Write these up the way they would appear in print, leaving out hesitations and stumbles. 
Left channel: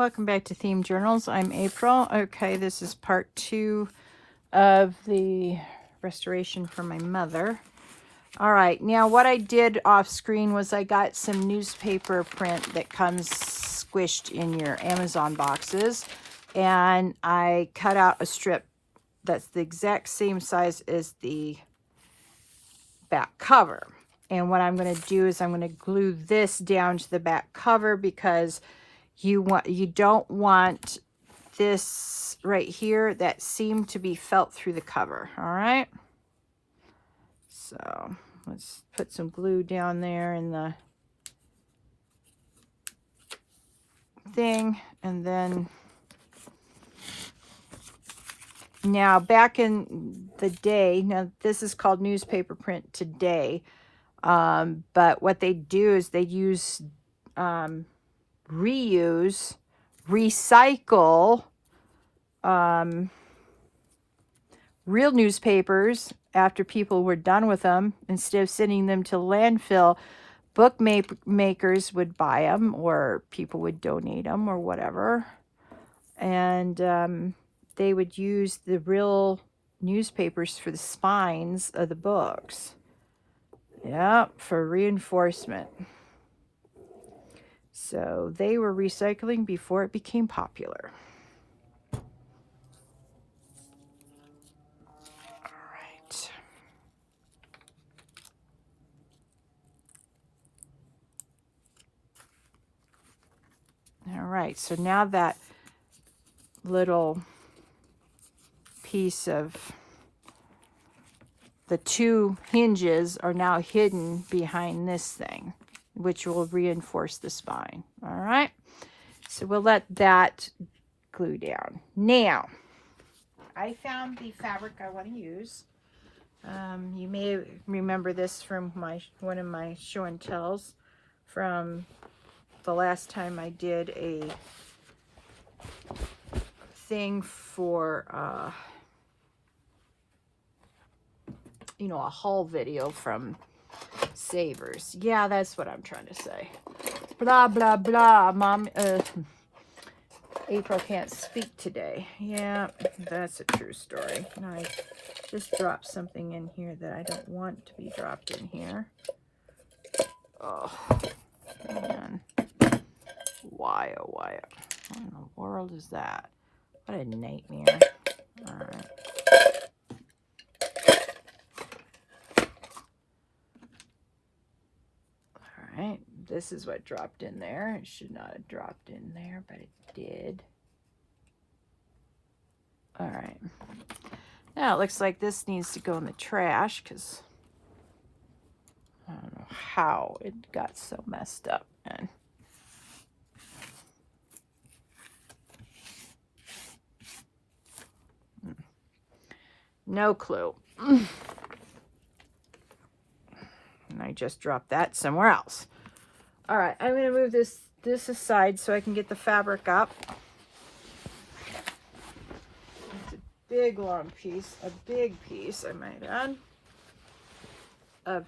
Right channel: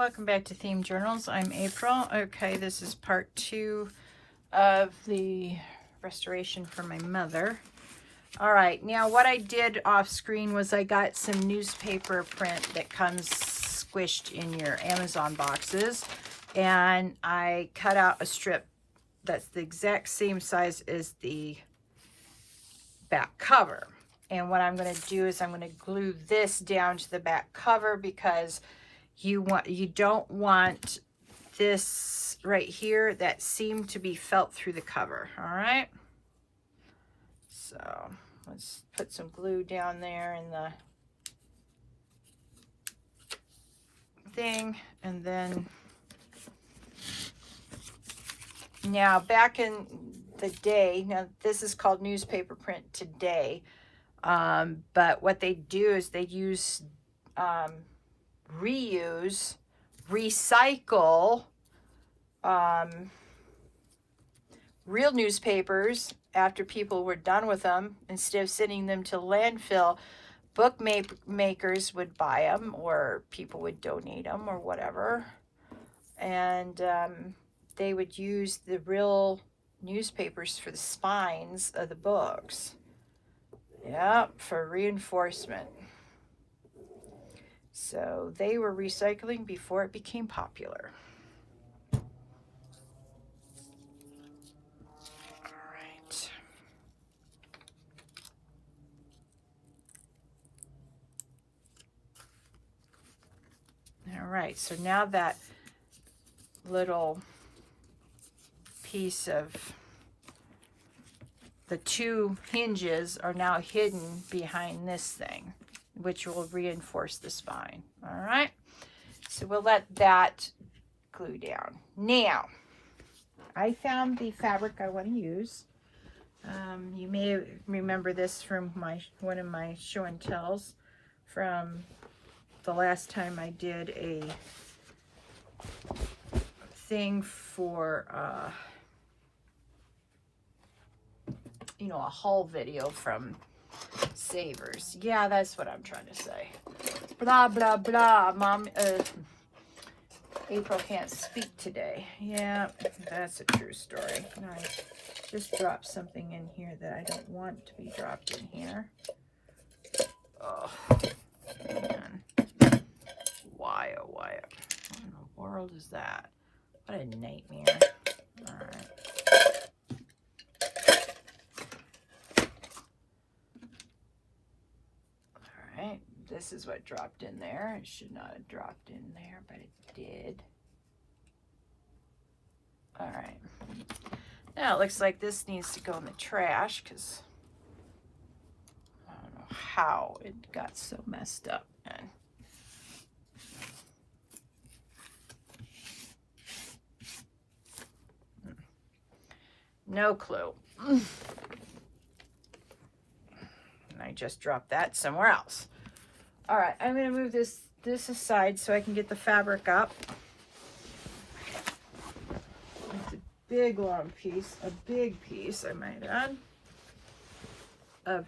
Welcome back to Theme Journals. I'm April. Okay, this is part 2 of the restoration for my mother. All right, now what I did off screen was I got some newspaper print that comes squished in your Amazon boxes, and I cut out a strip that's the exact same size as the back cover. And what I'm going to do is I'm going to glue this down to the back cover because you don't want this right here, that seam, to be felt through the cover. All right, so let's put some glue down there in the thing, and then now back in the day, now this is called newspaper print today, but what they do is they use reuse, recycle real newspapers after people were done with them. Instead of sending them to landfill, bookmakers would buy them, or people would donate them, or whatever, and they would use the real newspapers for the spines of the books. Yeah, for reinforcement. So they were recycling before it became popular. All right, so now that little piece of the two hinges are now hidden behind this thing, which will reinforce the spine. All right, so we'll let that glue down. Now, I found the fabric I want to use. You may remember this from one of my show and tells from the last time I did a thing for you know, a haul video from Savers. Yeah, that's what I'm trying to say. Blah blah blah. Mom, April can't speak today. Yeah, that's a true story. No, I just dropped something in here that I don't want to be dropped in here. Oh man, why oh why? What in the world is that? What a nightmare. All right. Alright, this is what dropped in there. It should not have dropped in there, but it did. Alright. Now it looks like this needs to go in the trash because I don't know how it got so messed up, man. No clue. And I just dropped that somewhere else. All right, I'm going to move this aside so I can get the fabric up. It's a big long piece, a big piece, I might add, of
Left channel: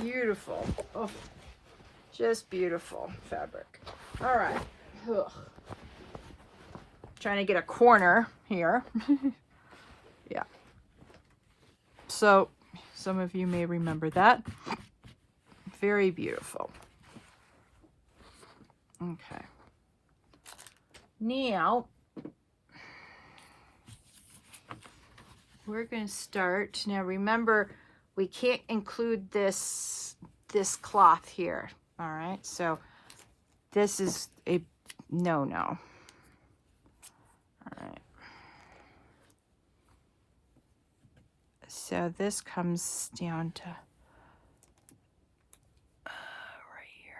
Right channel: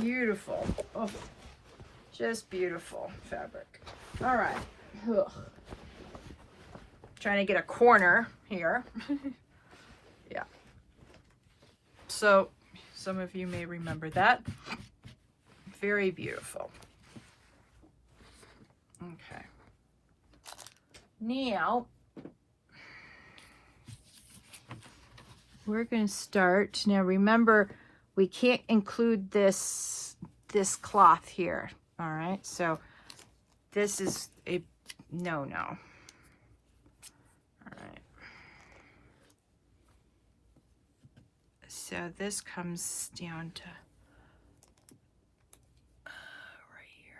beautiful, oh, just beautiful fabric. All right. Ugh. Trying to get a corner here. Yeah. So some of you may remember that. Very beautiful. Okay. Now we're going to start. Now remember, we can't include this cloth here. All right. So this is a no-no. All right. So this comes down to right here.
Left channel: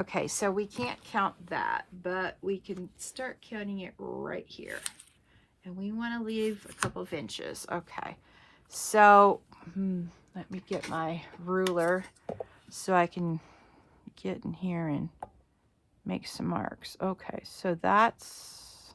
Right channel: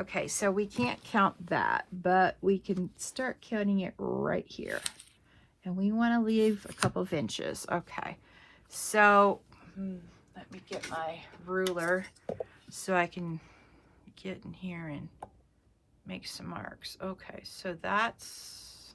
Okay, so we can't count that, but we can start counting it right here. And we want to leave a couple of inches. Okay, so let me get my ruler so I can get in here and make some marks. Okay, so that's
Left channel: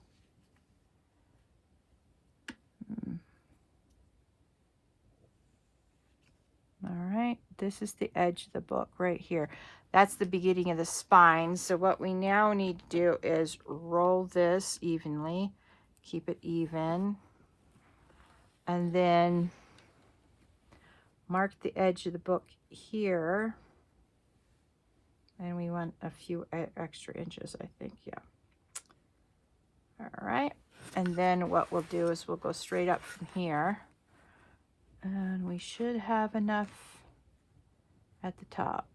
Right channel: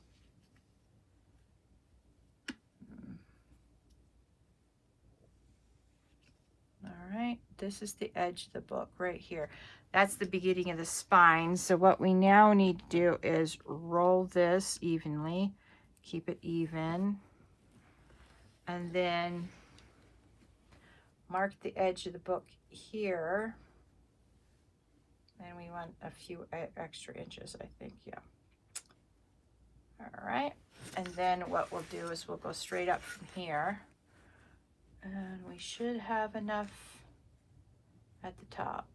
All right, this is the edge of the book right here. That's the beginning of the spine. So what we now need to do is roll this evenly, keep it even, and then mark the edge of the book here. And we want a few extra inches, I think, yeah. All right, and then what we'll do is we'll go straight up from here. And we should have enough at the top,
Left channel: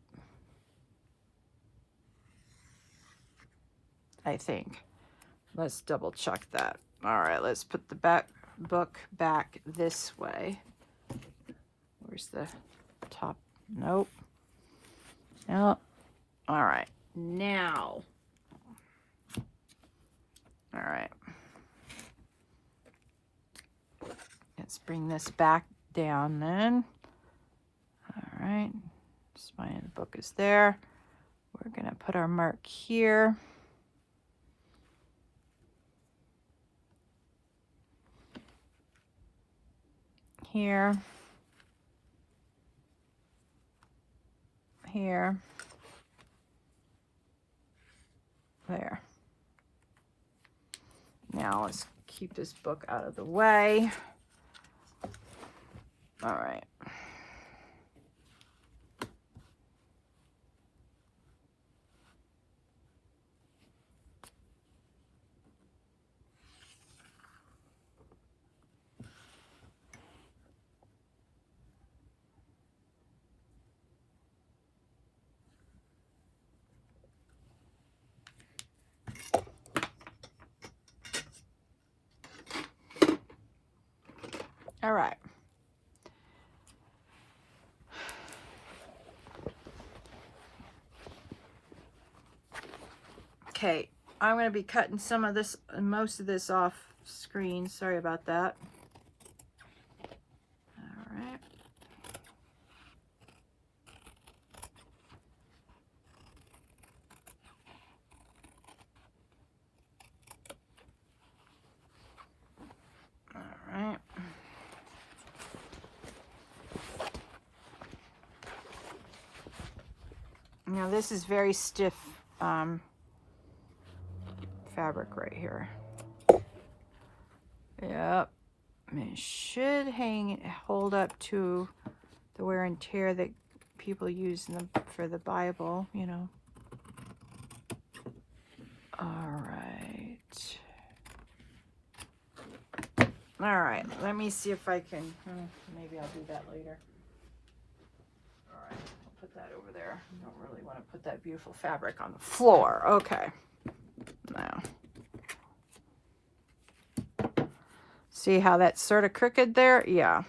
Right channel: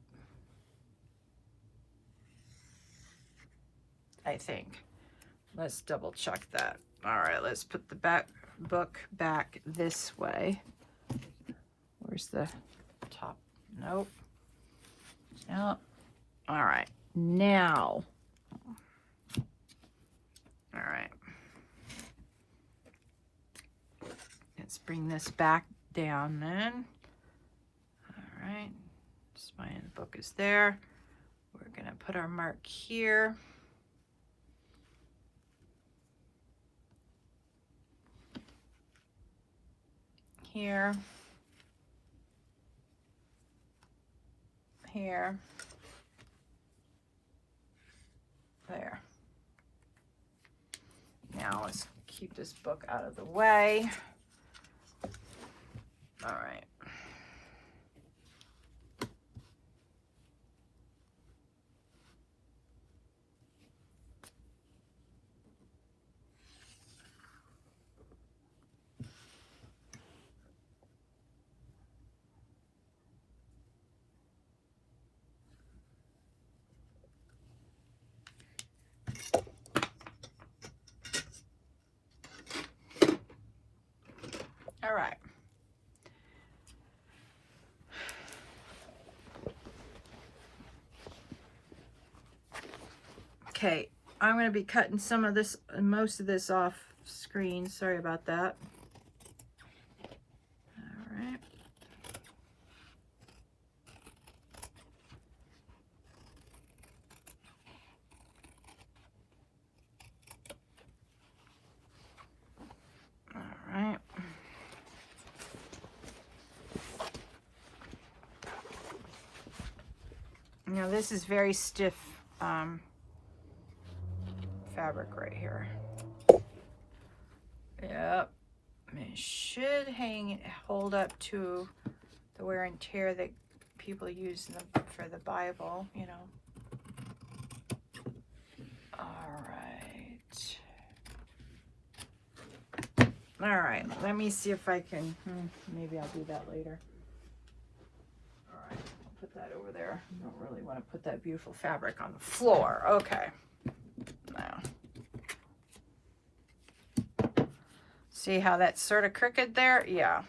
I think. Let's double check that. All right, let's put the book back this way. Where's the top? Nope. Nope. All right, now. All right. Let's bring this back down then. All right, spine of the book is there. We're gonna put our mark here. Here. Here. There. Now let's keep this book out of the way. All right. All right. Okay, I'm going to be cutting some of this, most of this off screen. Sorry about that. All right. All right. Now this is very stiff fabric right here. Yep. It should hold up to the wear and tear that people use for the Bible, you know. All right, let me see if I can, maybe I'll do that later. All right, I'll put that over there. I don't really want to put that beautiful fabric on the floor. Okay. Now. See how that's sort of crooked there? Yeah.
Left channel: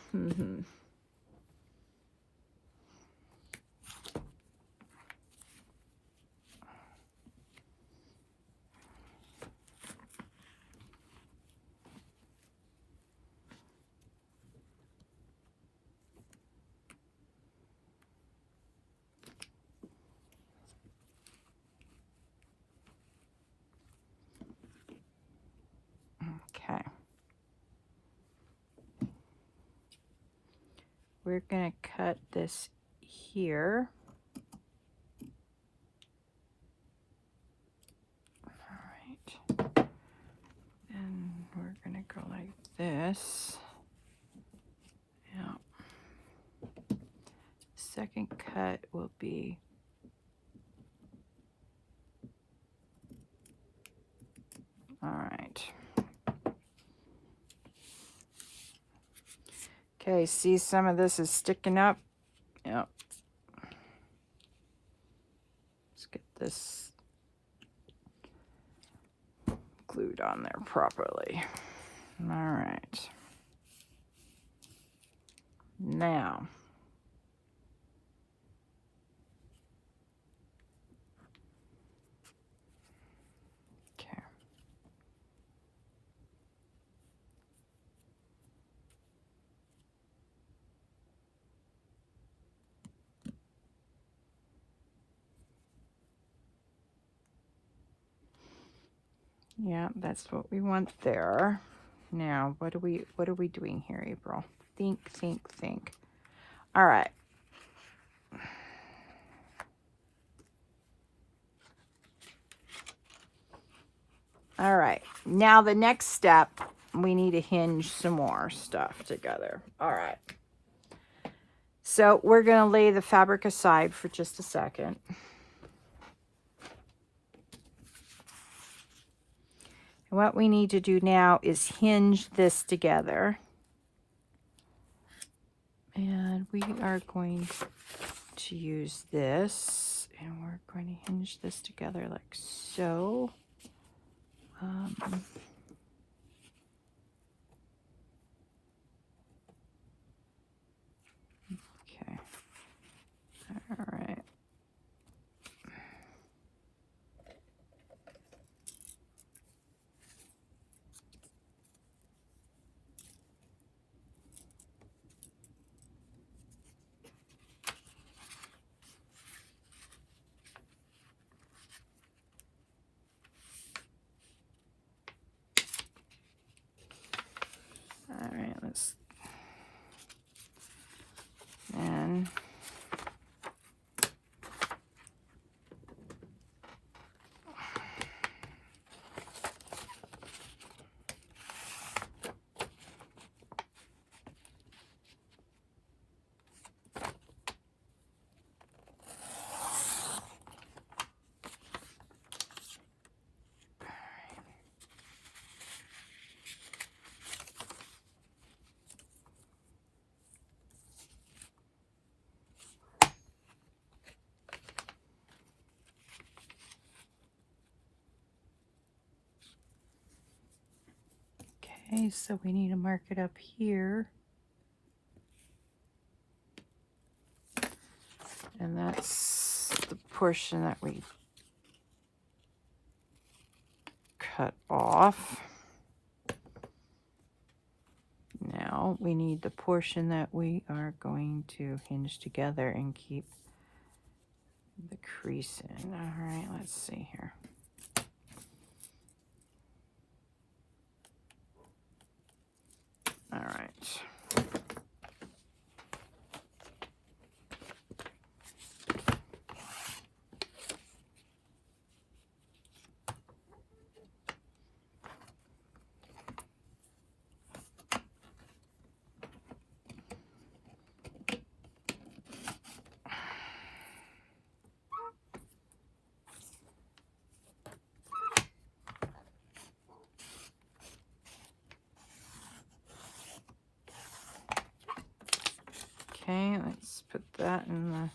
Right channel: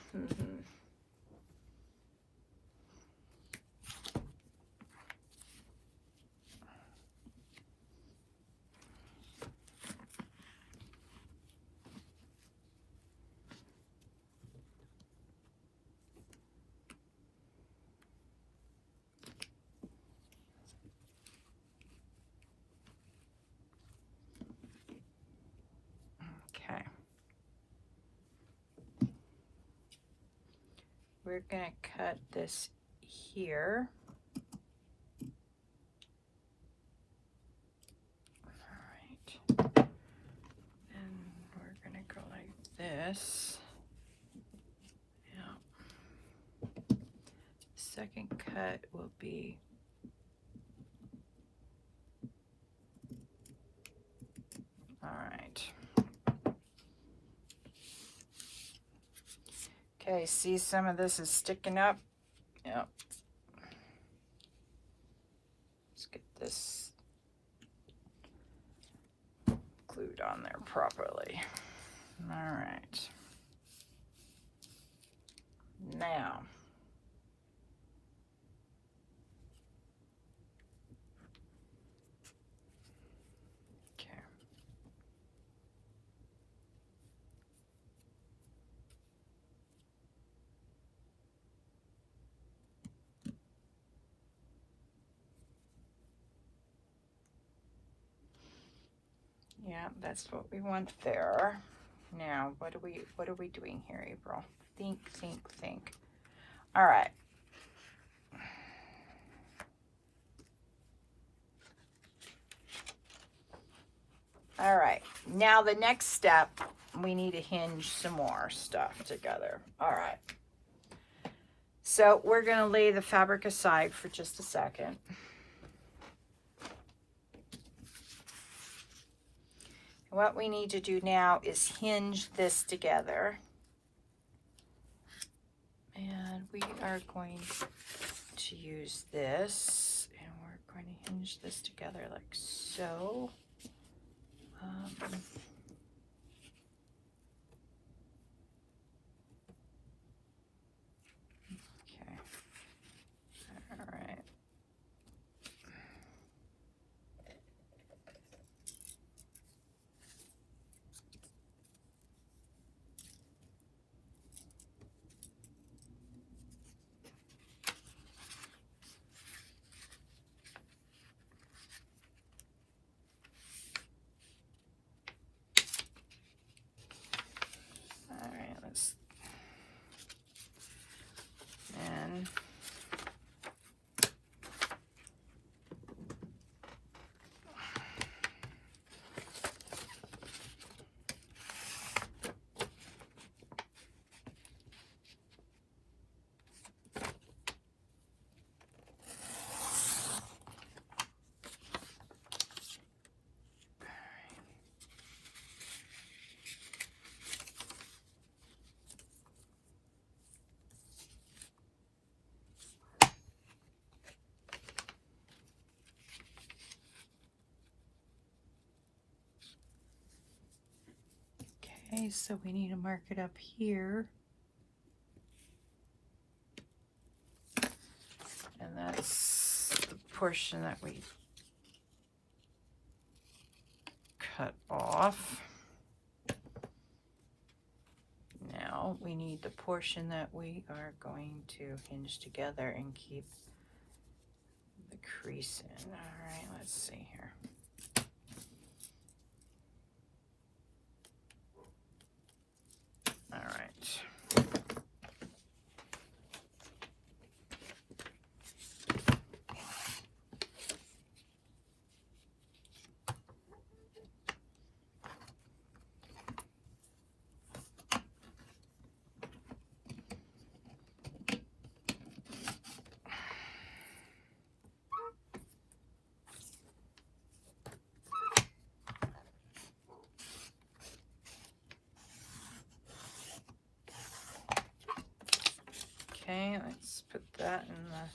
Okay. We're going to cut this here. All right. And we're going to go like this. Yeah. Second cut will be all right. Okay, see some of this is sticking up. Yep. Let's get this glued on there properly. All right. Now. Okay. Yeah, that's what we want there. Now, what are we doing here, April? Think. All right. All right, now the next step, we need to hinge some more stuff together. All right. So we're going to lay the fabric aside for just a second. What we need to do now is hinge this together. And we are going to use this, and we're going to hinge this together like so. Okay. All right. All right, let's then okay, so we need to mark it up here. And that's the portion that we cut off. Now we need the portion that we are going to hinge together and keep the crease in. All right, let's see here. All right. Okay, let's put that in the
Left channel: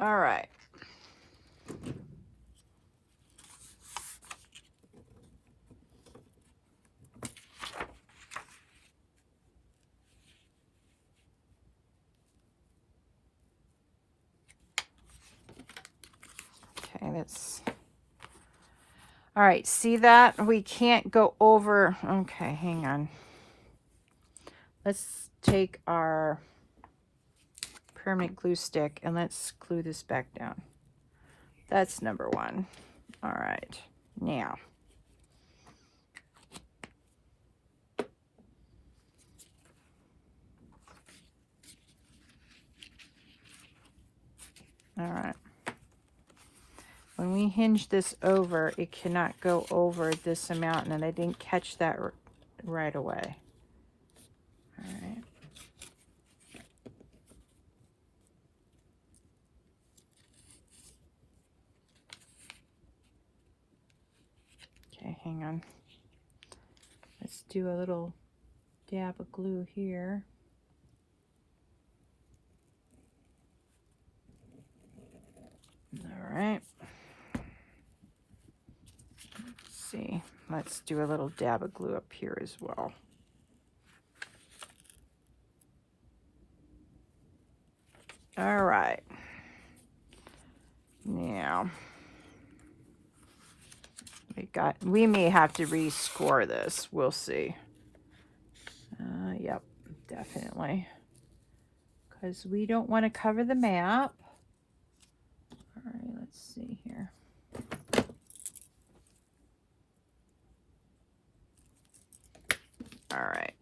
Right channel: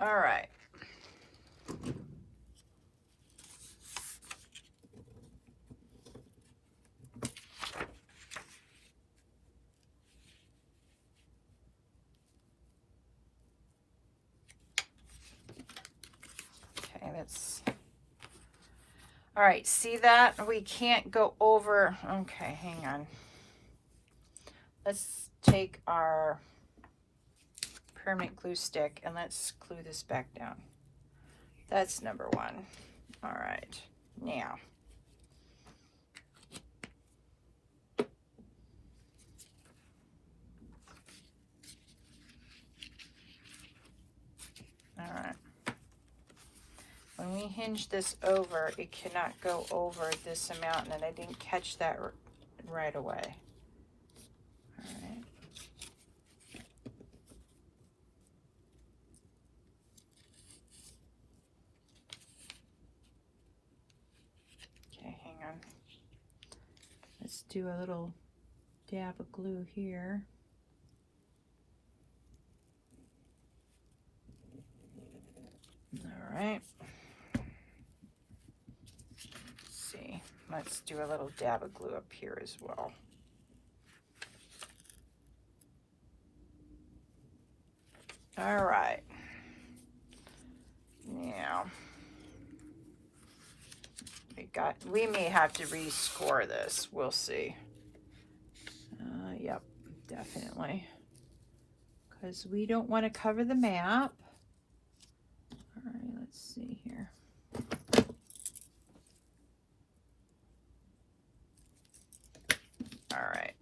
all right. Okay, that's all right. See that? We can't go over. Okay, hang on. Let's take our permanent glue stick and let's glue this back down. That's number one. All right, now all right, when we hinge this over, it cannot go over this amount, and I didn't catch that right away. All right. Okay, hang on. Let's do a little dab of glue here. All right. Let's see. Let's do a little dab of glue up here as well. All right. We may have to rescore this. We'll see. Yep, definitely. Because we don't want to cover the map. All right, let's see here. All right.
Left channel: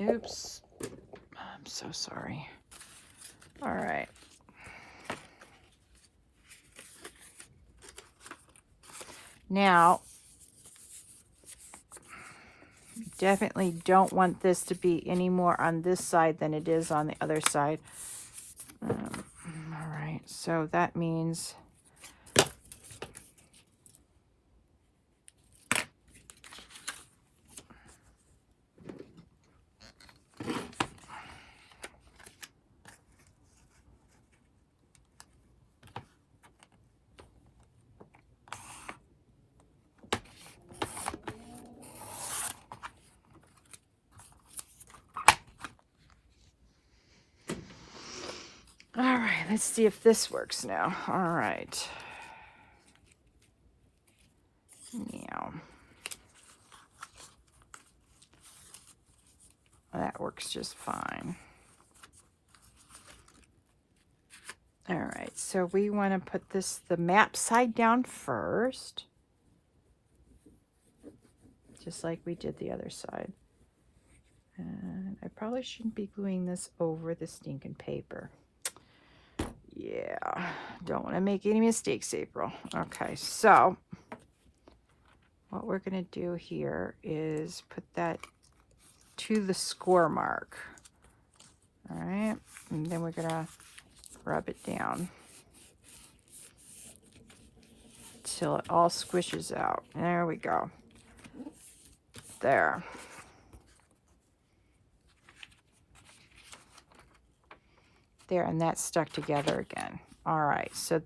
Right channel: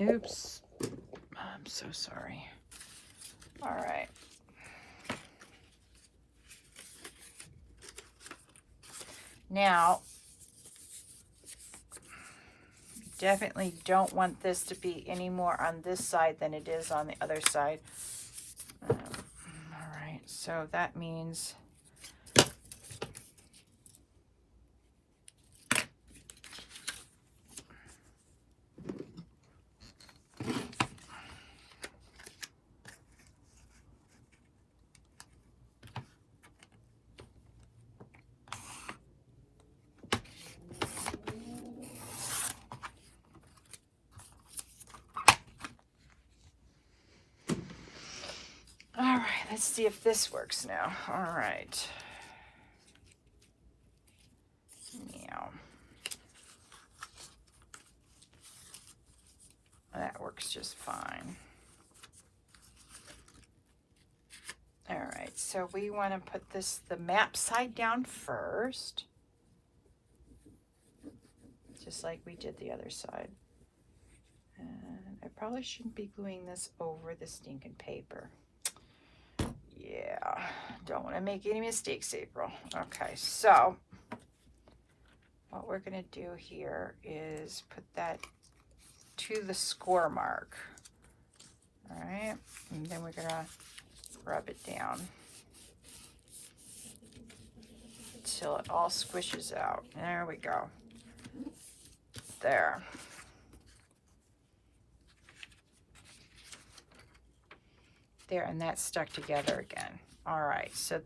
Oops. I'm so sorry. All right. Now, definitely don't want this to be any more on this side than it is on the other side. All right, so that means all right, let's see if this works now. All right. Now, that works just fine. All right, so we want to put the map side down first, just like we did the other side. And I probably shouldn't be gluing this over the stinking paper. Yeah, don't want to make any mistakes, April. Okay, so what we're going to do here is put that to the score mark. All right, and then we're going to rub it down till it all squishes out. There we go. There. There, and that's stuck together again. All right, so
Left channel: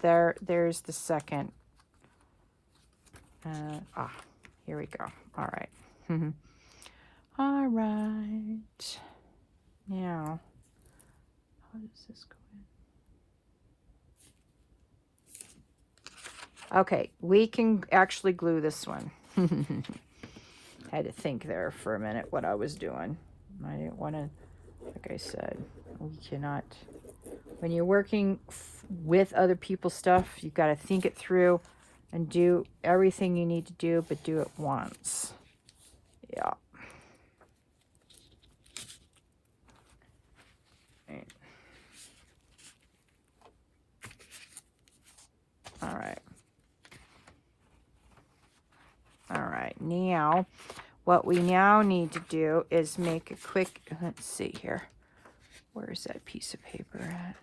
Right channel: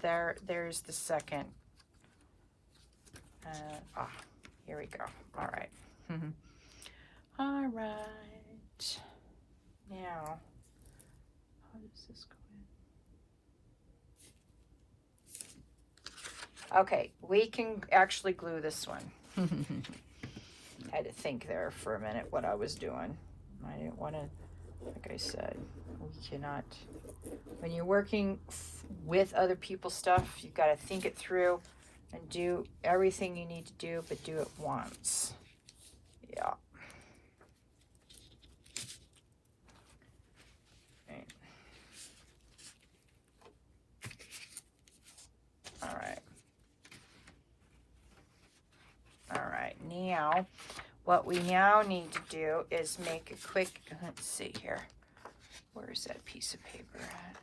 there's the second. Here we go. All right. All right. Now, how does this go in? Okay, we can actually glue this one. I had to think there for a minute what I was doing. I didn't want to, like I said, we cannot, when you're working with other people's stuff, you've got to think it through and do everything you need to do, but do it once. Yeah. Right. All right. All right. Now, what we now need to do is make a quick, let's see here. Where's that piece of paper at?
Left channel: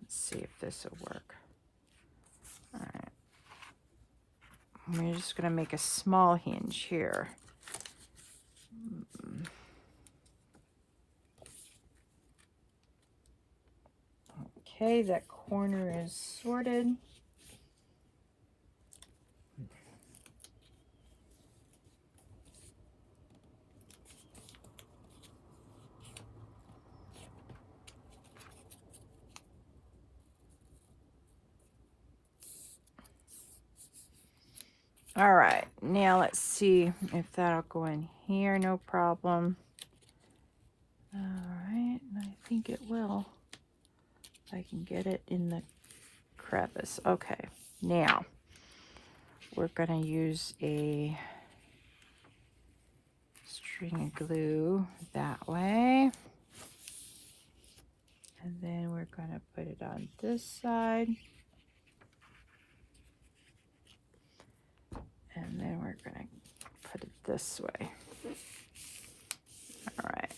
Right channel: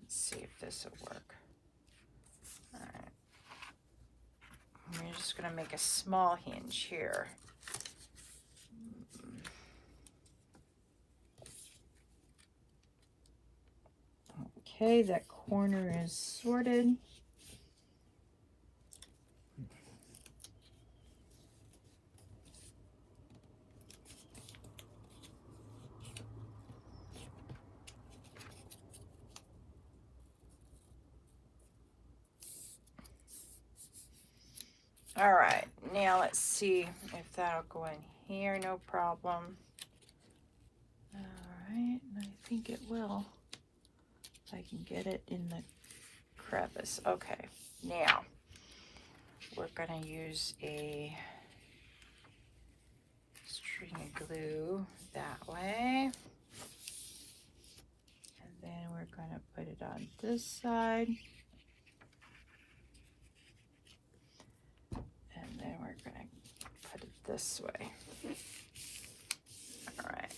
Let's see if this will work. All right. We're just going to make a small hinge here. Okay, that corner is sorted. All right, now let's see if that'll go in here, no problem. All right, I think it will. I can get it in the crevice. Okay, now we're gonna use a string of glue that way. And then we're gonna put it on this side. And then we're gonna put it this way. All right.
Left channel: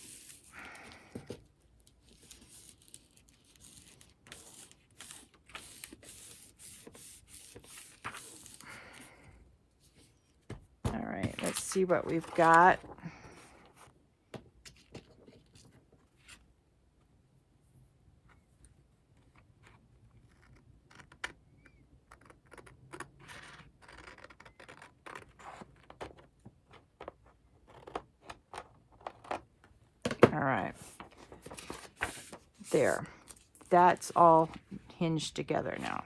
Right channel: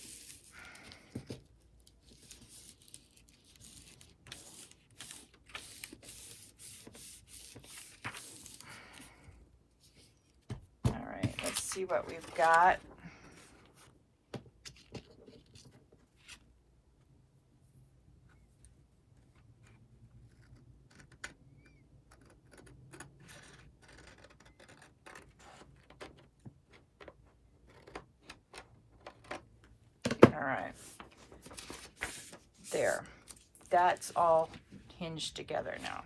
see what we've got. All right. There. That's all hinged together now.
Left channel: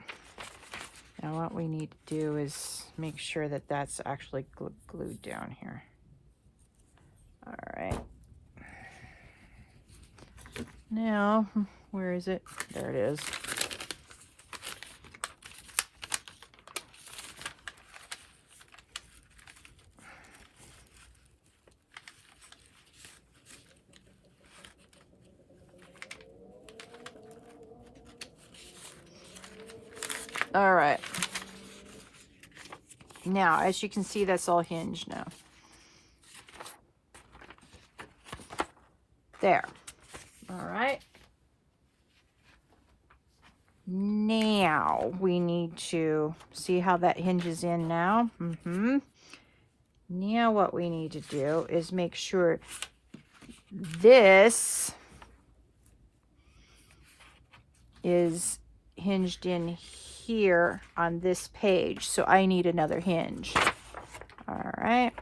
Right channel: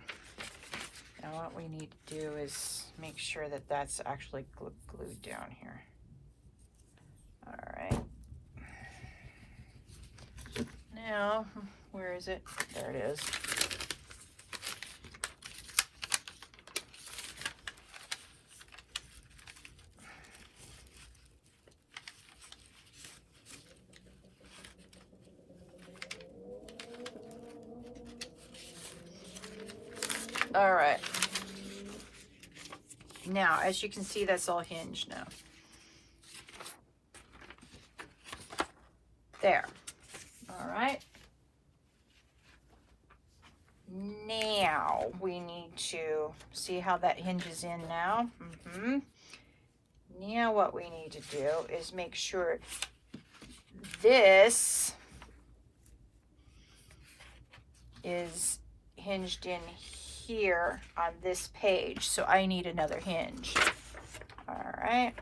Now what we need to do is make sure that that's actually glued down here. All right. Now, where is it? There it is. All right. Now, as you can see, that's all hinged now. There. All right. Now, we need to see how that hinges in now. Now, what we need to do is make sure this is hinged in here on this page, so I need another hinge. All right.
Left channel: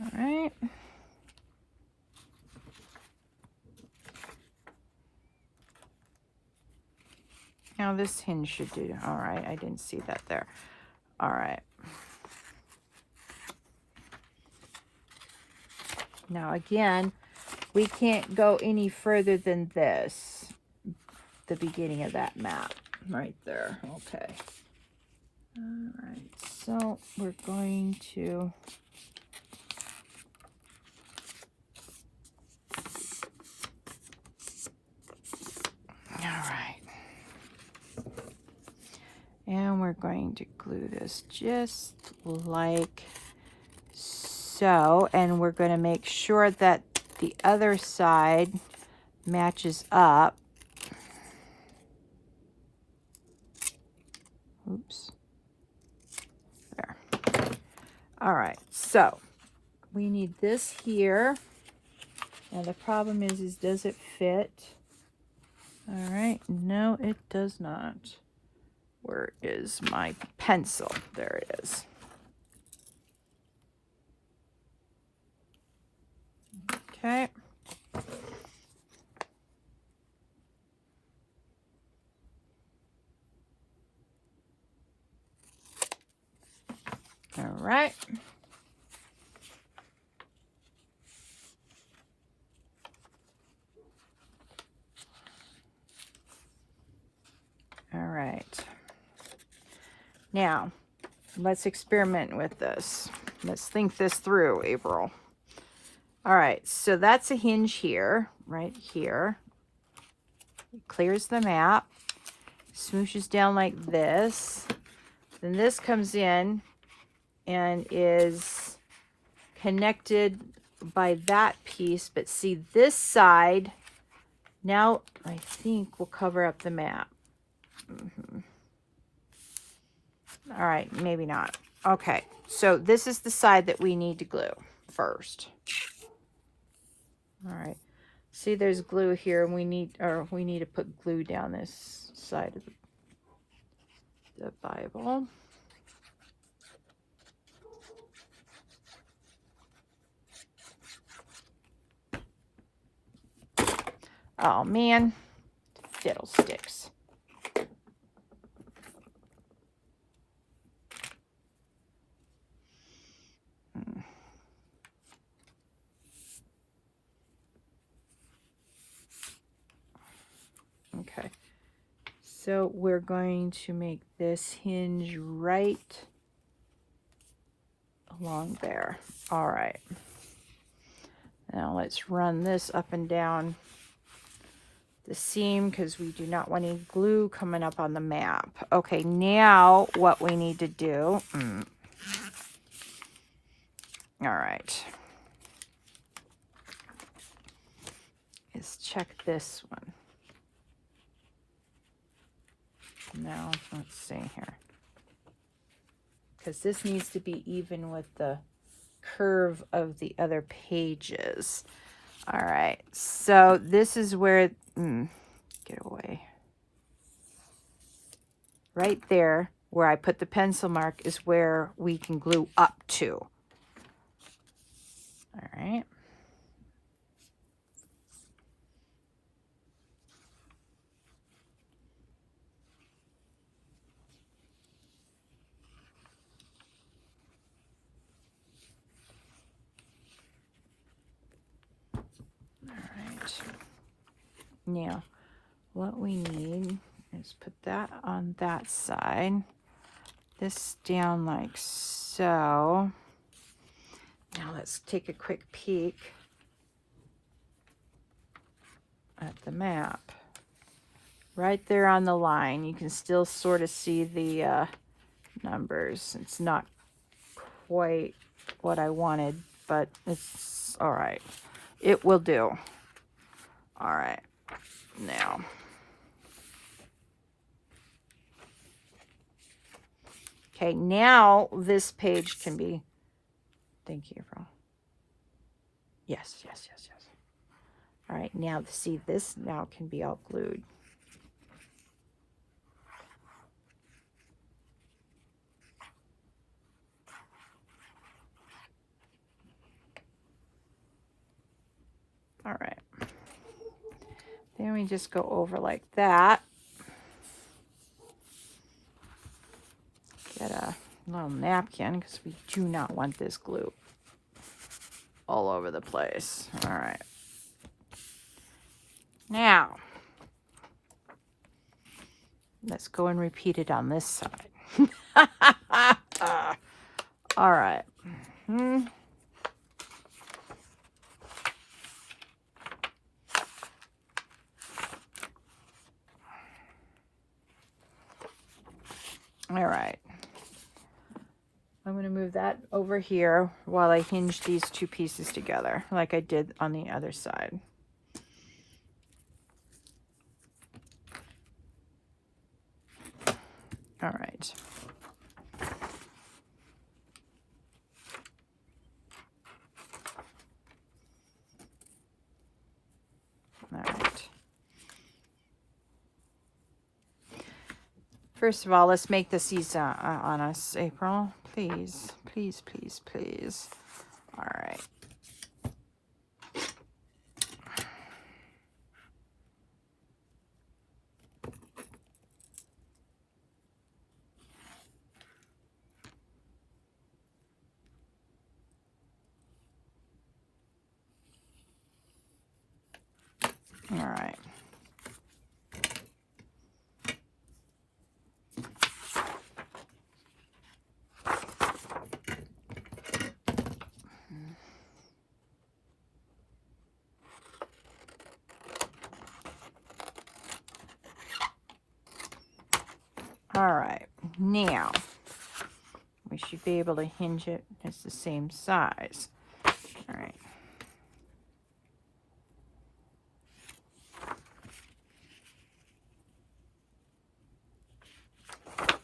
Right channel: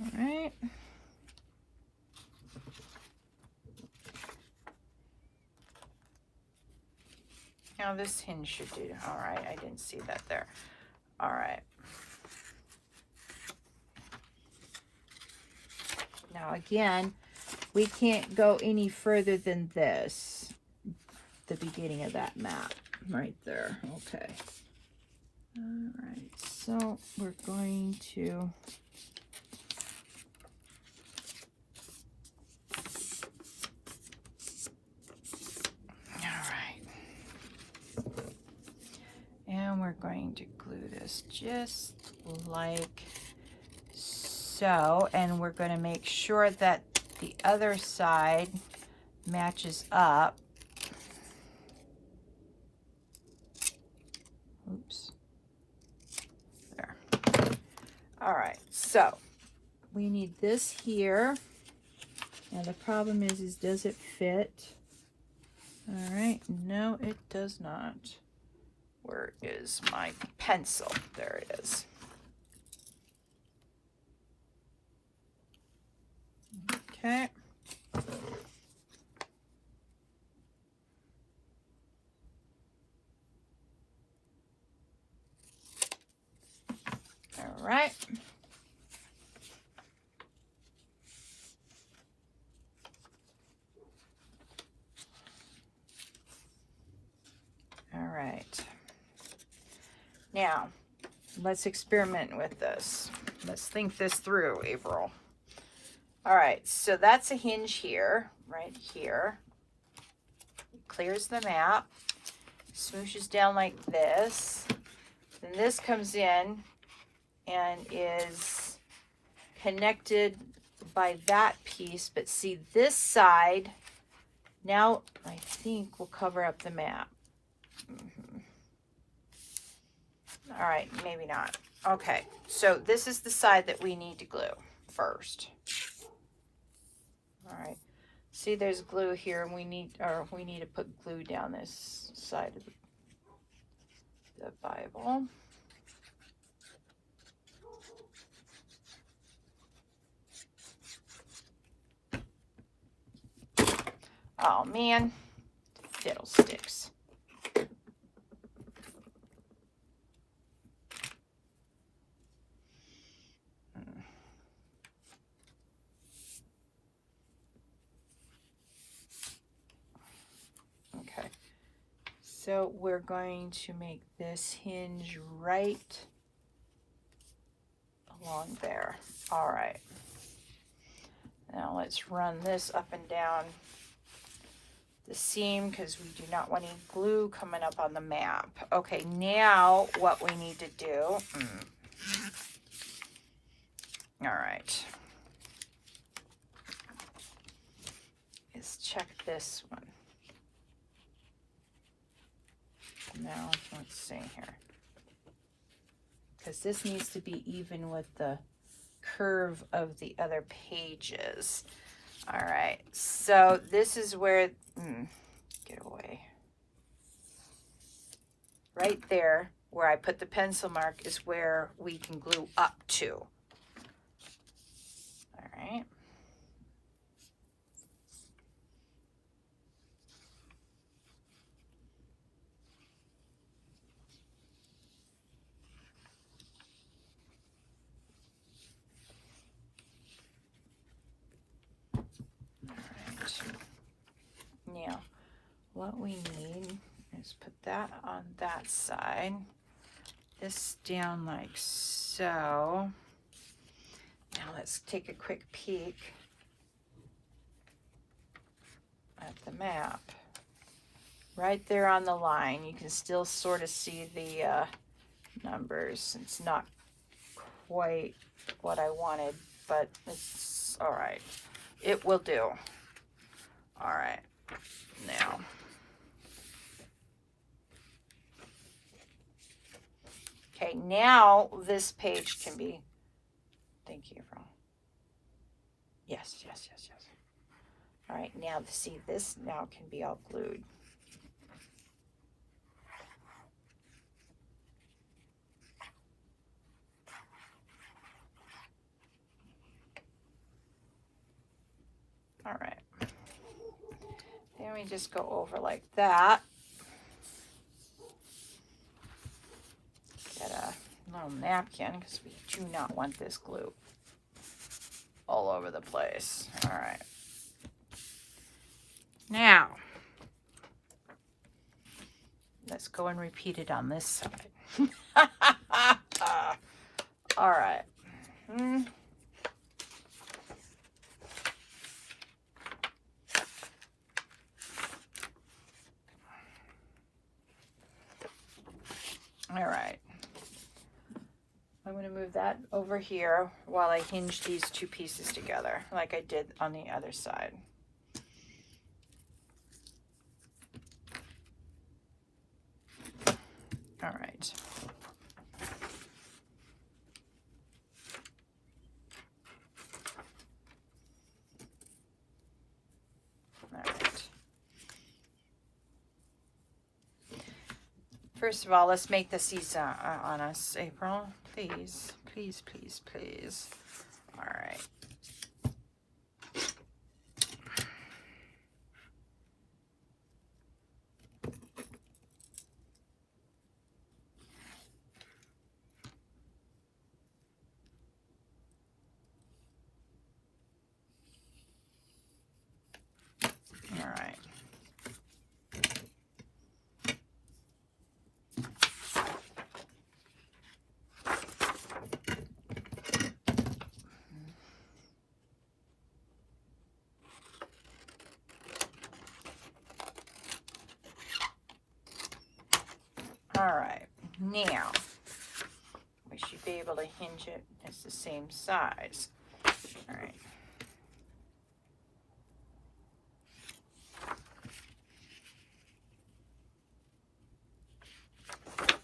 All right. Now this hinge should do. All right, I didn't see that there. All right. Now again, we can't go any further than this, the beginning of that map right there. Okay. All right, so we're going to and we're going to glue this just like so, and we're going to make sure that the other side matches up. Oops. There. All right, so we need this here, and the problem is does it fit? All right, no, it does not. Where is my pencil? There it is. Okay. All right. All right. Now, let's experiment with this. Let's think this through, April. All right, so that's a hinge here, right here. It clears the map, smooshes down like this. Then this comes in and is connected by that piece. But see, this side, now I think will cover up the map. All right, maybe not. Okay, so this is the side that we need to glue first. All right, see there's glue here, and we need to put glue down this side of the Bible. Oh man, fiddlesticks. Okay, so we're going to make this hinge right along there. All right, now let's run this up and down the seam because we do not want any glue coming up on the map. Okay, now what we need to do, all right, is check this one. Now, let's see here. Because this needs to be even with the curve of the other pages. All right, so this is where, get away. Right there, where I put the pencil mark, is where we can glue up to. All right. Now, what we need is put that on that side, this down like so. Now let's take a quick peek at the map. Right there on the line, you can still sort of see the numbers. It's not quite what I wanted, but it's all right. It will do. All right. Now, okay, now this page can be, thank you, April. Yes, yes, yes, yes. All right, now see, this now can be all glued. All right. Then we just go over like that. Get a little napkin because we do not want this glue all over the place. All right. Now, let's go and repeat it on this side. All right. All right. I'm going to move that over here while I hinge these two pieces together like I did on the other side. All right. All right. First of all, let's make this easy on us, April. Please, please, please, please. All right. All right. All right, now we should be able to hinge it. It's the same size. All right.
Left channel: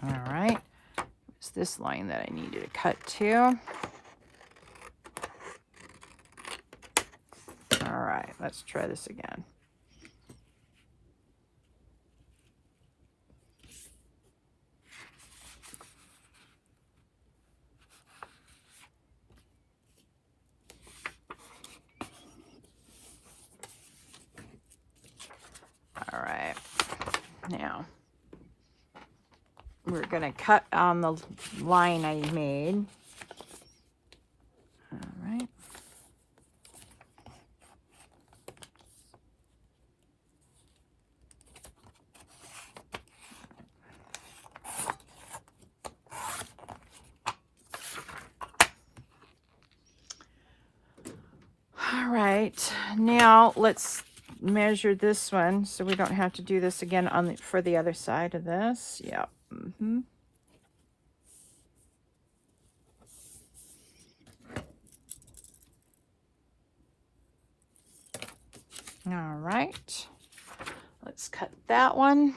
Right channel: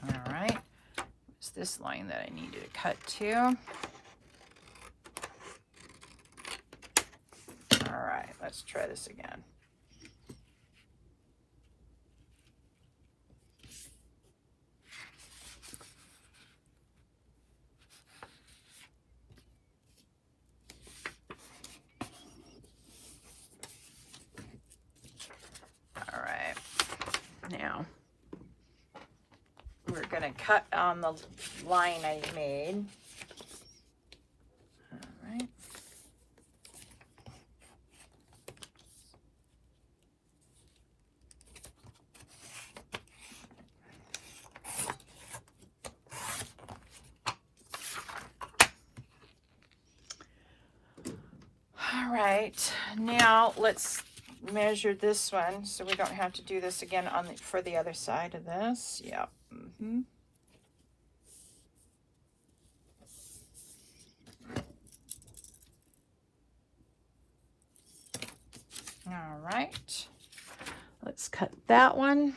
All right. It's this line that I needed to cut to. All right, let's try this again. All right, now we're going to cut on the line I made. All right. All right, now let's measure this one so we don't have to do this again on the, for the other side of this. Yep. All right. Let's cut that one.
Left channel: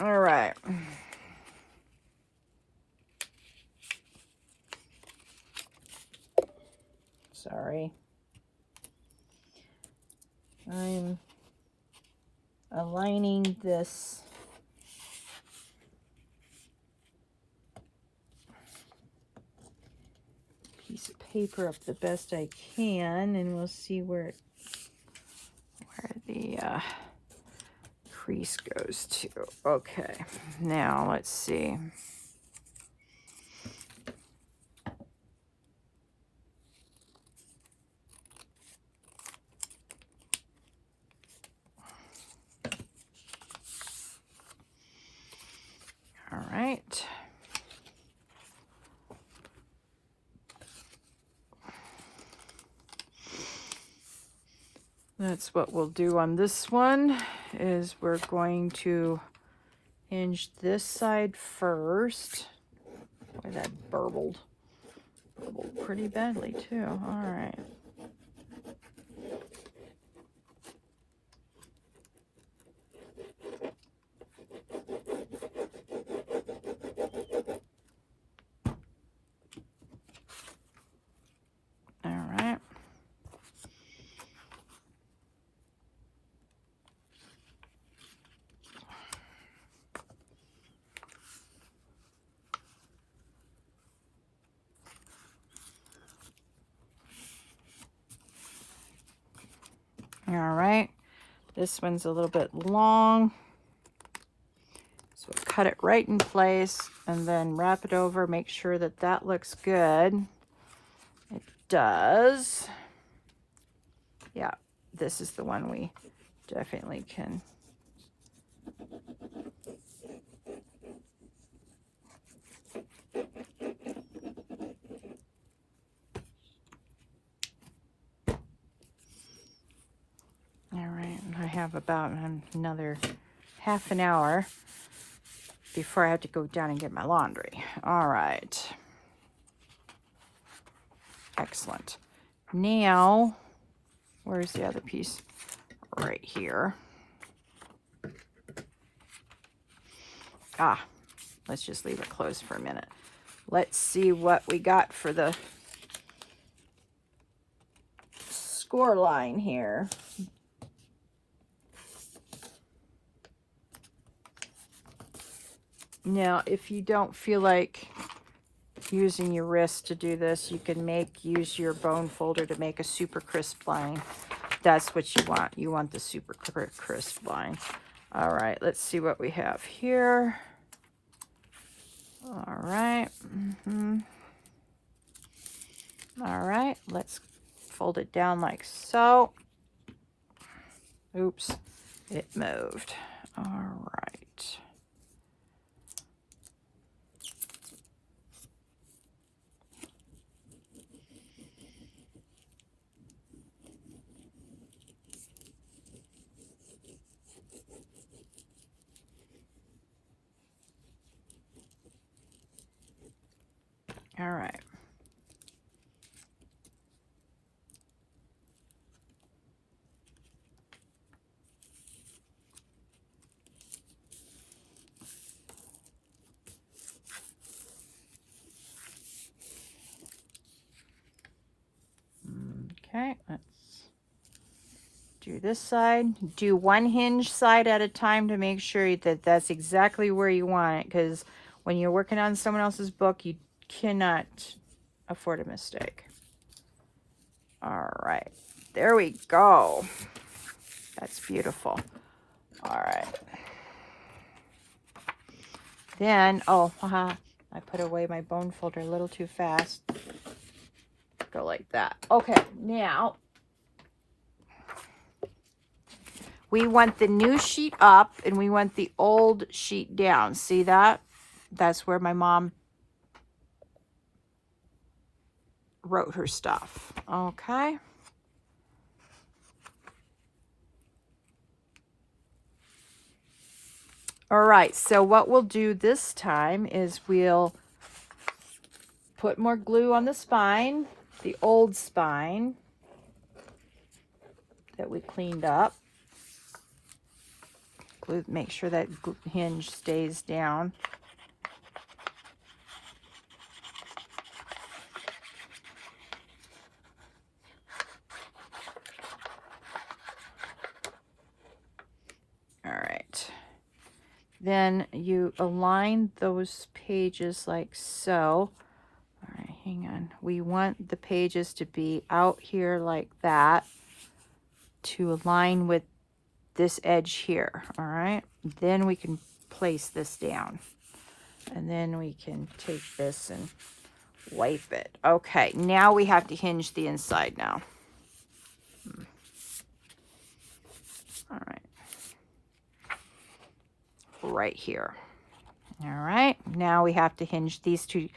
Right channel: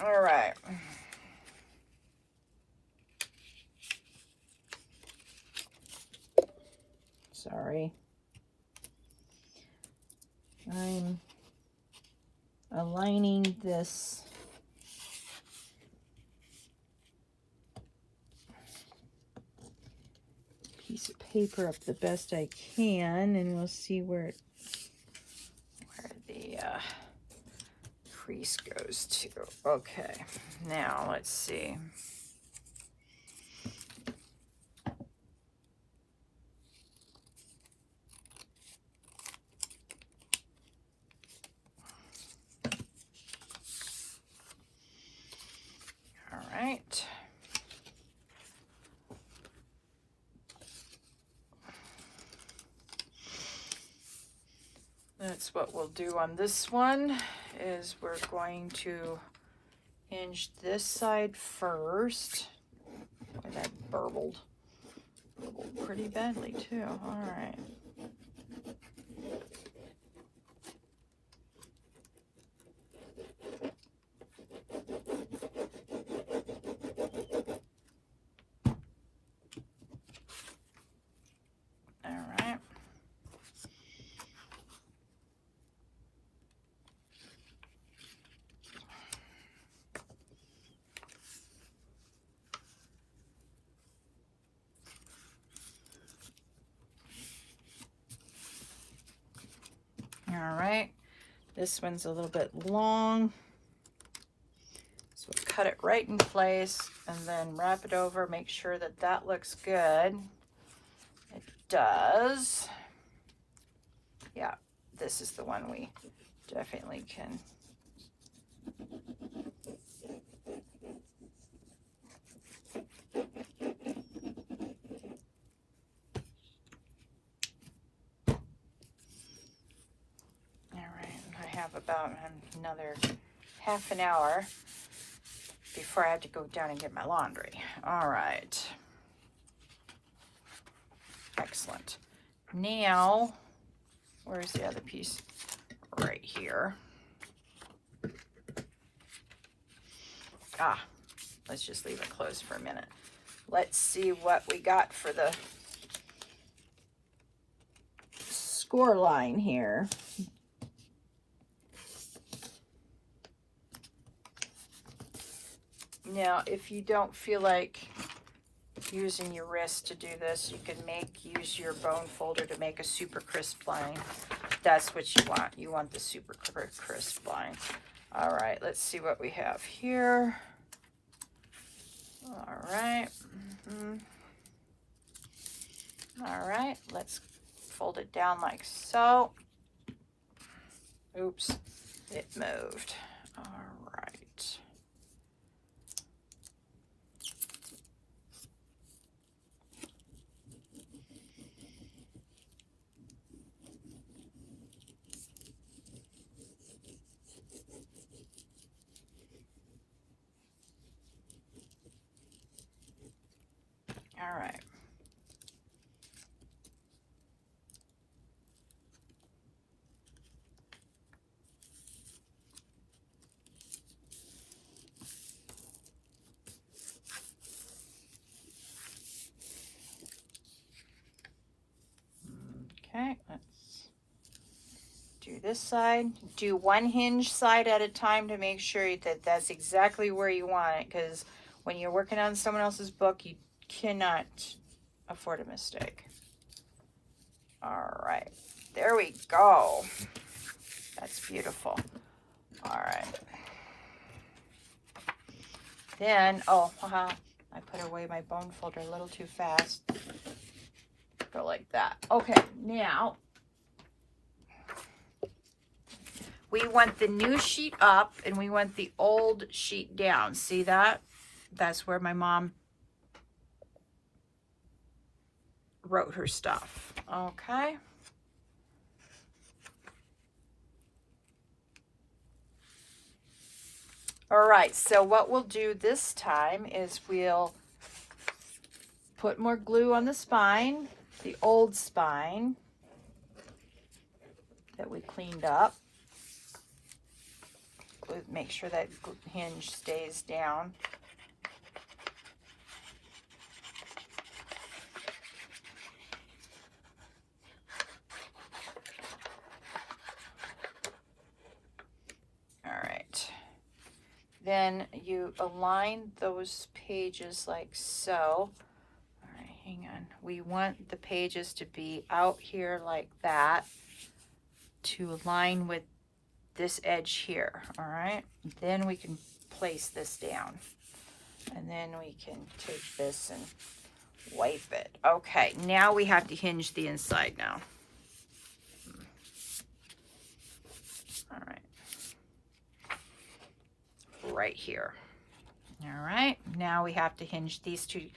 All right. Sorry. I'm aligning this piece of paper up the best I can, and we'll see where the crease goes to. Okay, now let's see. All right. That's what we'll do on this one, is we're going to hinge this side first. Boy, that burbled pretty badly too. All right. All right, this one's a little bit long, so we'll cut it right in place and then wrap it over, make sure that that looks good. It does. Yeah, this is the one we definitely can. I have about another half an hour before I have to go down and get my laundry. All right. Excellent. Now, where's the other piece? Right here. Let's just leave it closed for a minute. Let's see what we got for the score line here. Now, if you don't feel like using your wrist to do this, you can use your bone folder to make a super crisp line. That's what you want. You want the super crisp line. All right, let's see what we have here. All right. All right, let's fold it down like so. Oops, it moved. All right. All right. Okay, let's do this side. Do one hinge side at a time to make sure that that's exactly where you want it, because when you're working on someone else's book, you cannot afford a mistake. All right, there we go. That's beautiful. All right. Then, I put away my bone folder a little too fast. Go like that. Okay, now we want the new sheet up and we want the old sheet down. See that? That's where my mom wrote her stuff. Okay. All right, so what we'll do this time is we'll put more glue on the spine, the old spine that we cleaned up. Glue, make sure that hinge stays down. All right. Then you align those pages like so. All right, hang on. We want the pages to be out here like that to align with this edge here. All right. Then we can place this down. And then we can take this and wipe it. Okay, now we have to hinge the inside now. All right. Right here. All right, now we have to hinge these two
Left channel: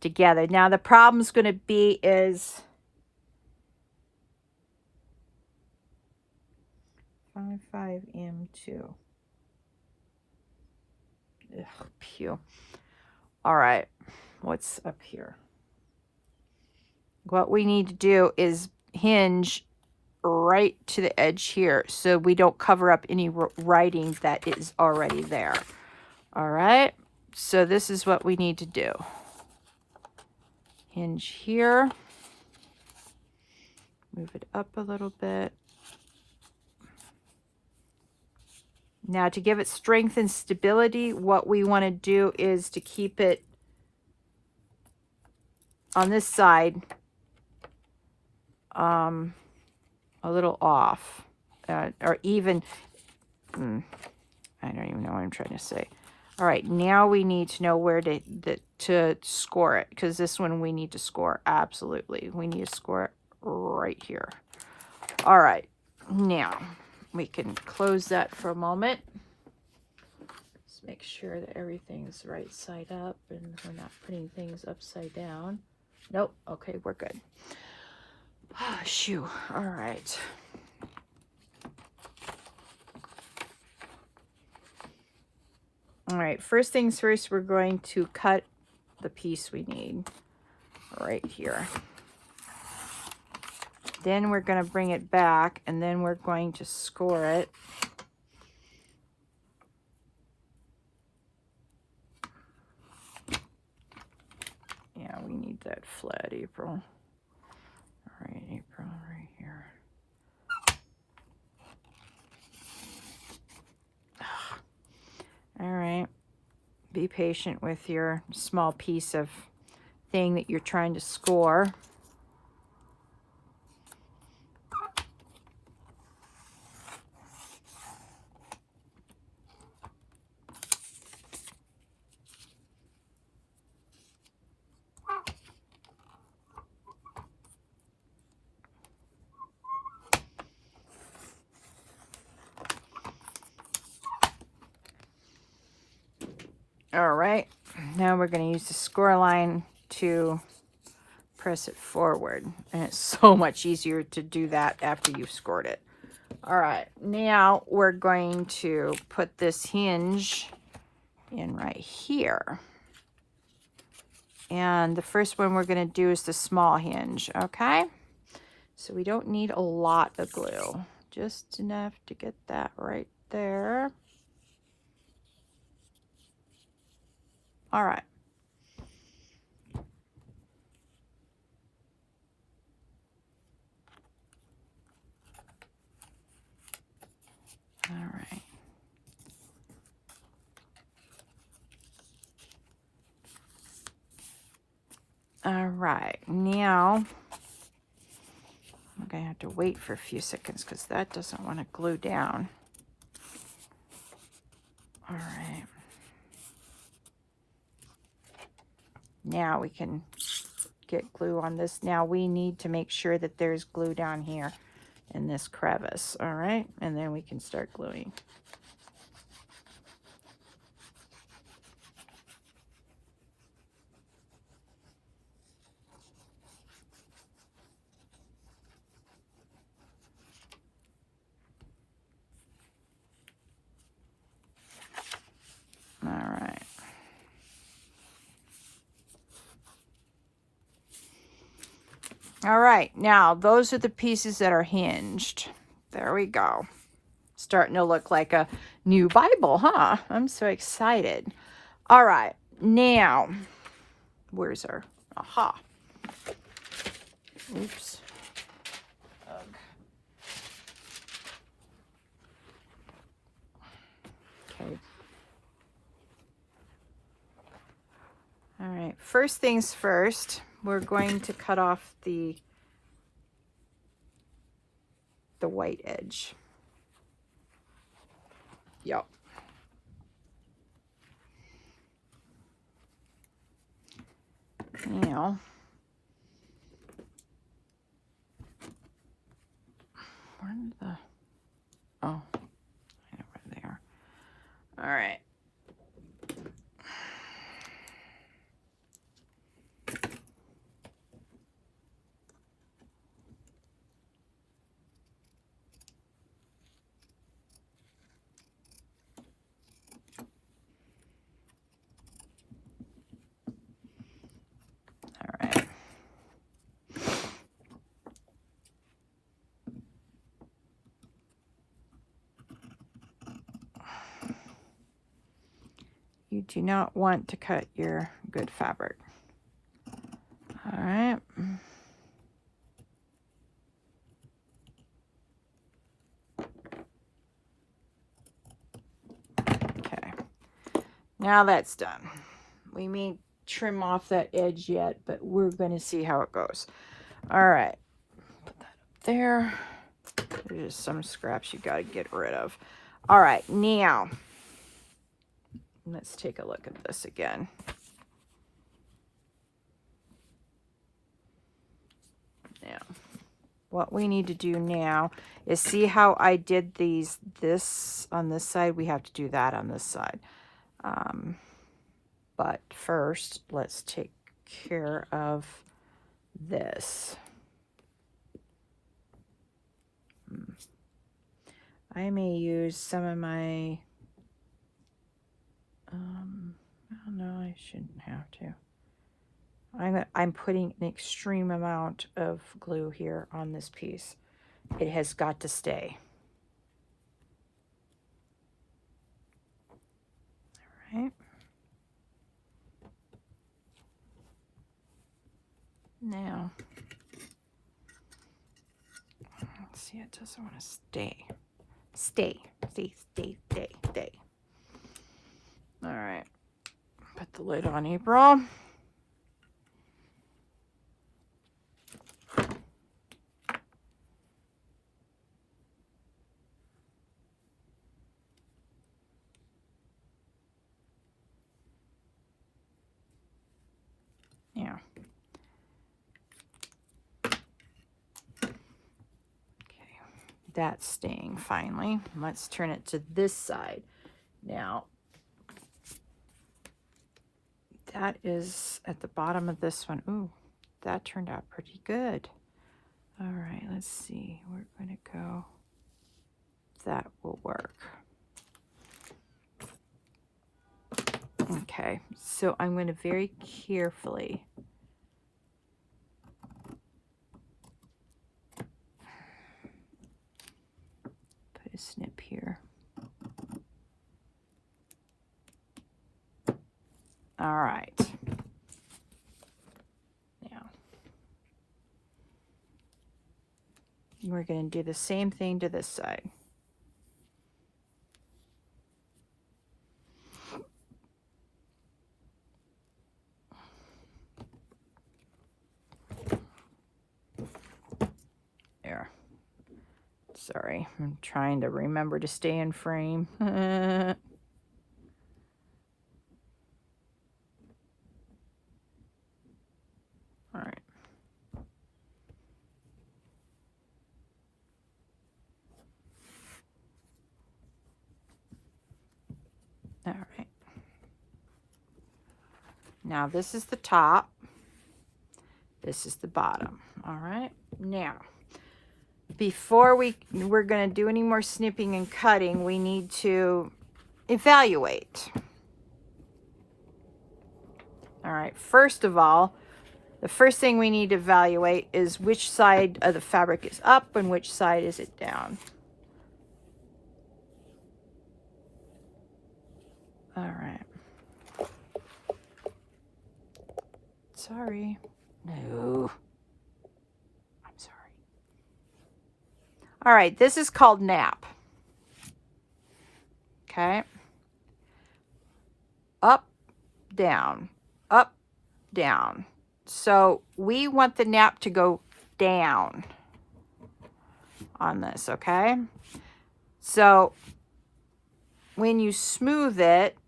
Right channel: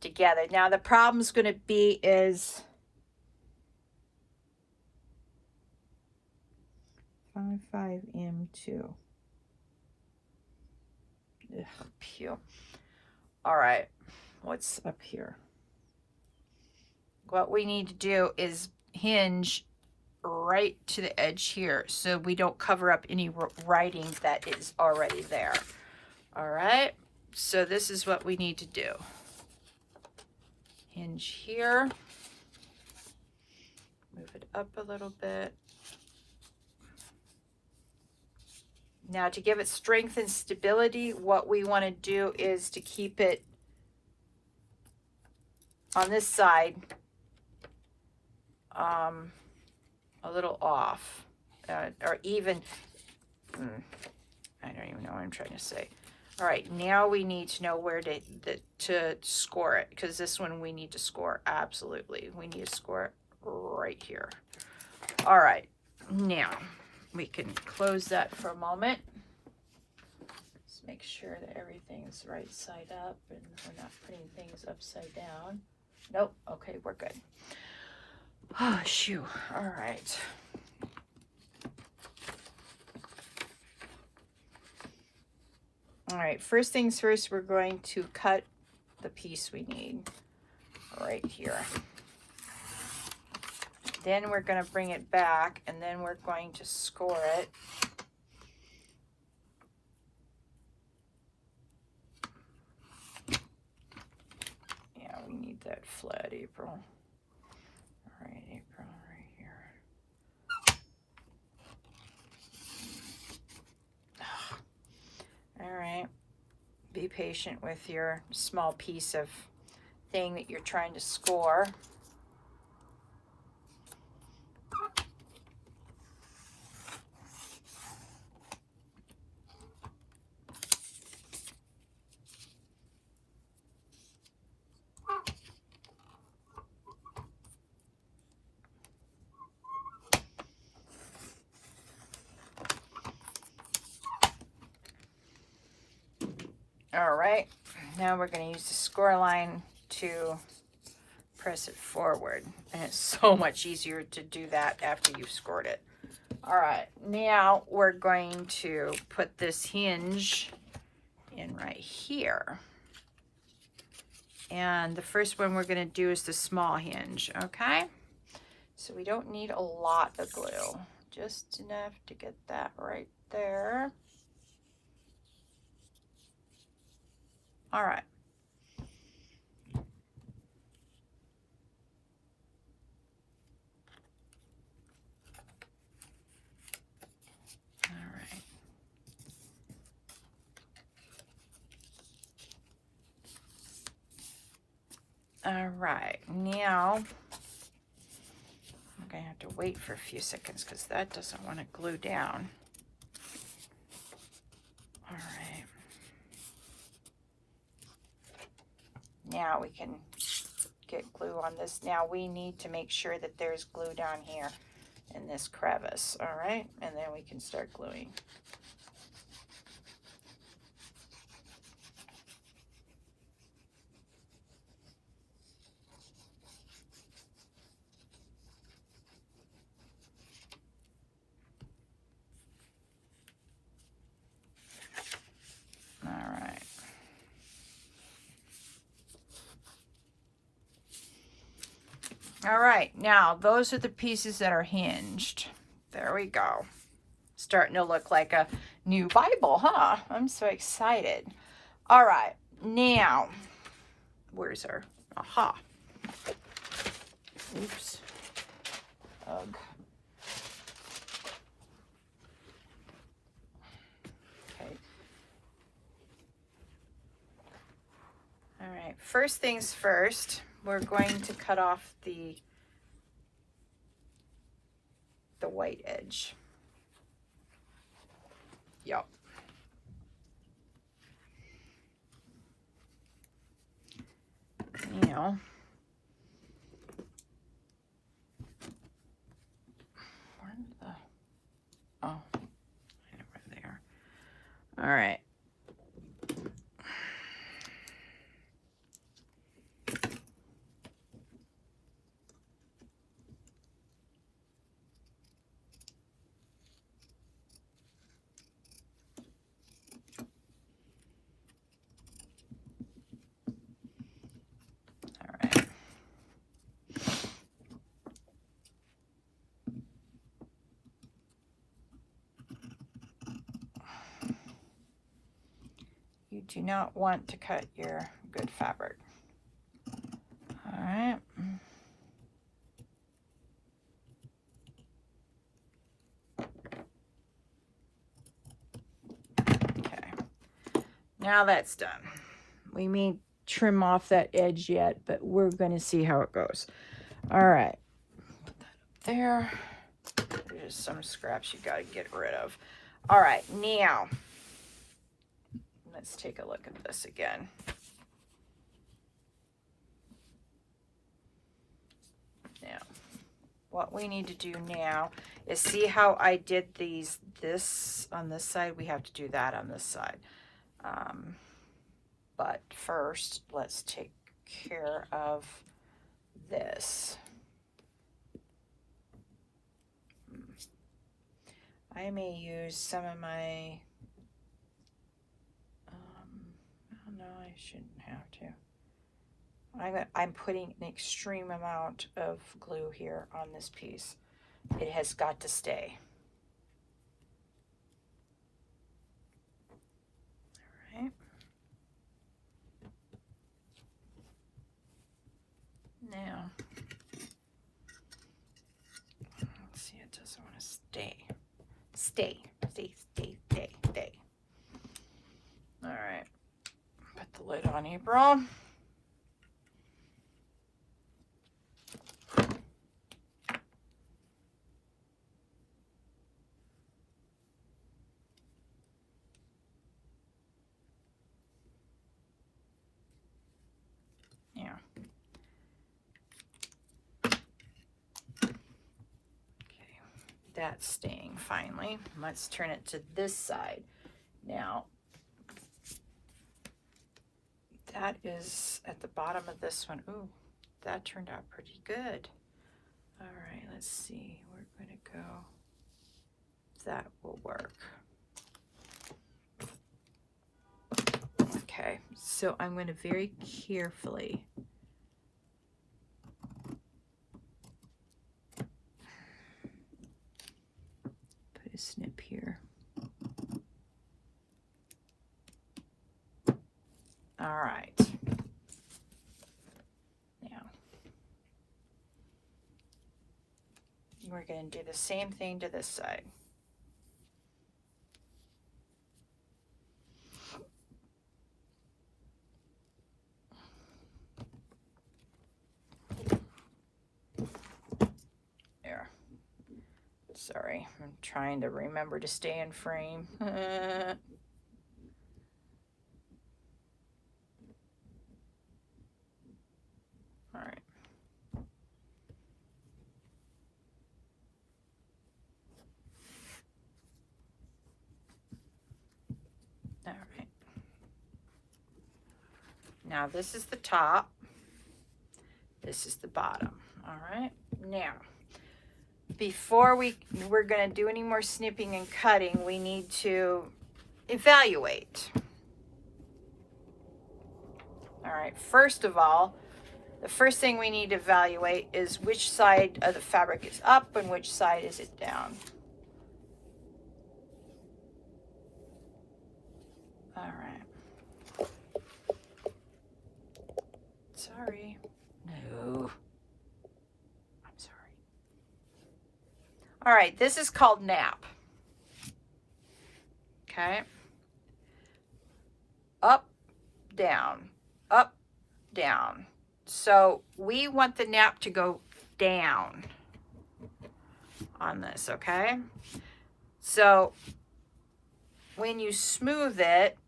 together. Now the problem's going to be is 5M2. Ugh, pew. All right, what's up here? What we need to do is hinge right to the edge here so we don't cover up any writing that is already there. All right, so this is what we need to do. Hinge here, move it up a little bit. Now to give it strength and stability, what we want to do is to keep it on this side a little off, or even, I don't even know what I'm trying to say. All right, now we need to know where to score it, because this one we need to score, absolutely. We need to score it right here. All right, now we can close that for a moment. Let's make sure that everything's right side up and we're not putting things upside down. Nope, okay, we're good. Ah, shoo, all right. All right, first things first, we're going to cut the piece we need right here. Then we're going to bring it back, and then we're going to score it. Yeah, we need that flat, April. All right, April, right here. All right, be patient with your small piece of thing that you're trying to score. All right, now we're going to use the score line to press it forward, and it's so much easier to do that after you've scored it. All right, now we're going to put this hinge in right here, and the first one we're going to do is the small hinge. Okay, so we don't need a lot of glue, just enough to get that right there. All right. All right. All right, now I'm going to have to wait for a few seconds because that doesn't want to glue down. All right. Now we can get glue on this. Now we need to make sure that there's glue down here in this crevice. All right, and then we can start gluing. All right, now those are the pieces that are hinged. There we go. Starting to look like a new Bible, huh? I'm so excited. All right, now, where's our, aha. Oops. Ugh. Okay. All right, first things first, we're going to cut off the white edge. Yep. Now, where did the, oh, I know where they are. All right. You do not want to cut your good fabric. All right. Okay. Now that's done. We may trim off that edge yet, but we're going to see how it goes. All right. Put that up there. There's some scraps you got to get rid of. All right. Now, let's take a look at this again. Now, what we need to do now is see how I did this on this side. We have to do that on this side. But first, let's take care of this. I may use some of my, no, I shouldn't have to. I'm putting an extreme amount of glue here on this piece. It has got to stay. All right. Now, let's see, it doesn't want to stay. Stay. All right. Put the lid on, April. Now. That's staying finally. Let's turn it to this side. Now, that is at the bottom of this one. Ooh, that turned out pretty good. All right, let's see. We're going to go. That will work. Okay, so I'm going to very carefully snip here. All right. Now, we're going to do the same thing to this side. There. Sorry, I'm trying to remember to stay in frame. All right. All right. Now this is the top. This is the bottom. All right. Now, before we're going to do any more snipping and cutting, we need to evaluate. All right. First of all, the first thing we need to evaluate is which side of the fabric is up and which side is it down. All right. Sorry. No. I'm sorry. All right, this is called nap. Okay. Up, down, up, down. So we want the nap to go down on this, okay? So when you smooth it,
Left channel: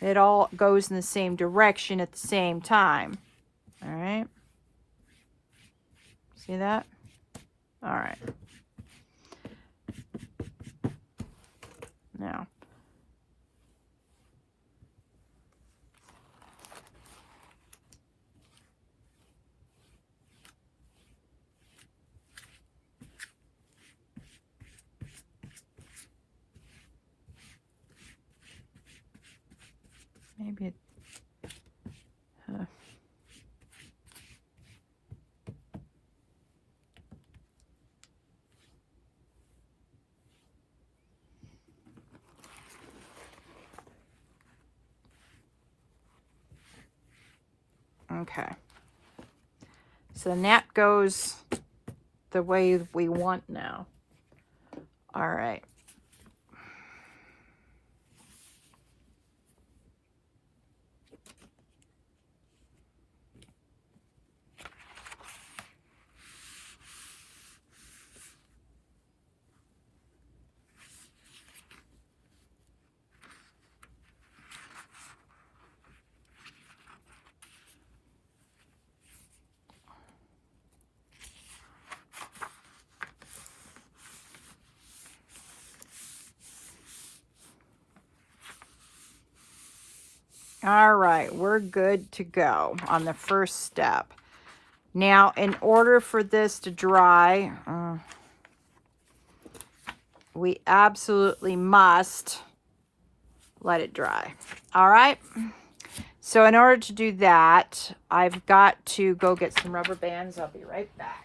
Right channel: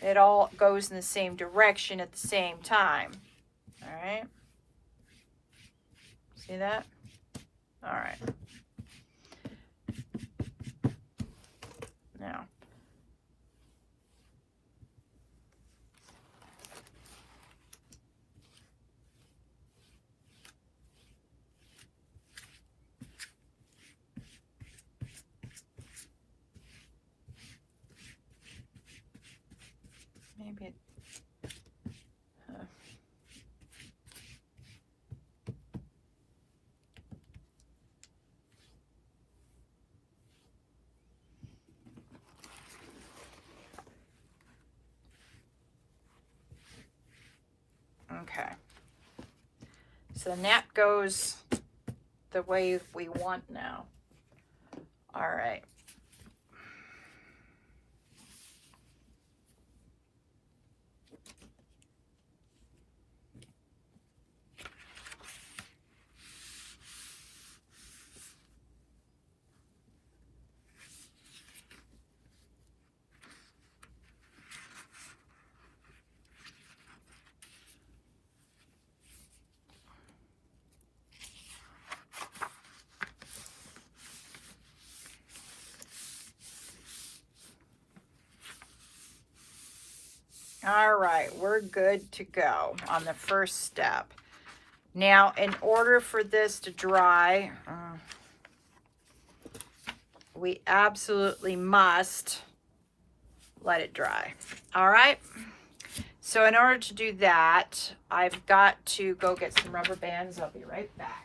it all goes in the same direction at the same time. All right. See that? All right. Now. Maybe it, okay. So the nap goes the way we want now. All right. All right, we're good to go on the first step. Now, in order for this to dry, we absolutely must let it dry. All right. So in order to do that, I've got to go get some rubber bands. I'll be right back.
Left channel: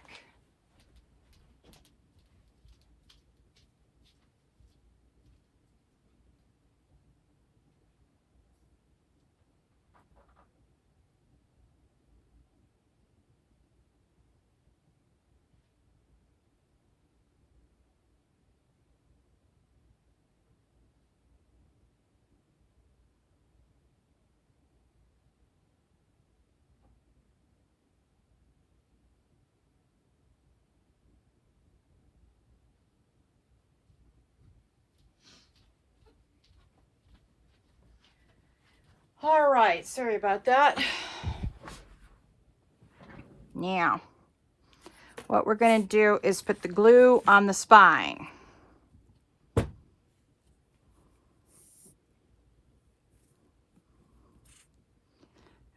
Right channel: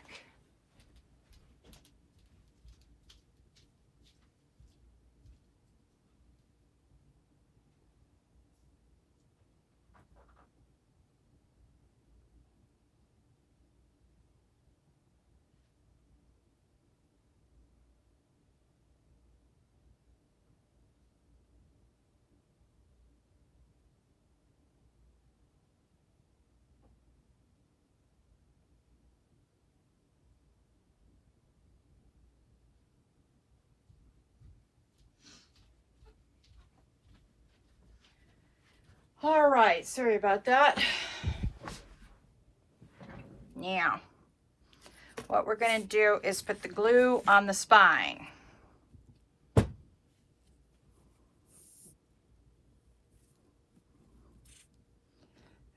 All right, sorry about that. Now, what we're going to do is put the glue on the spine. And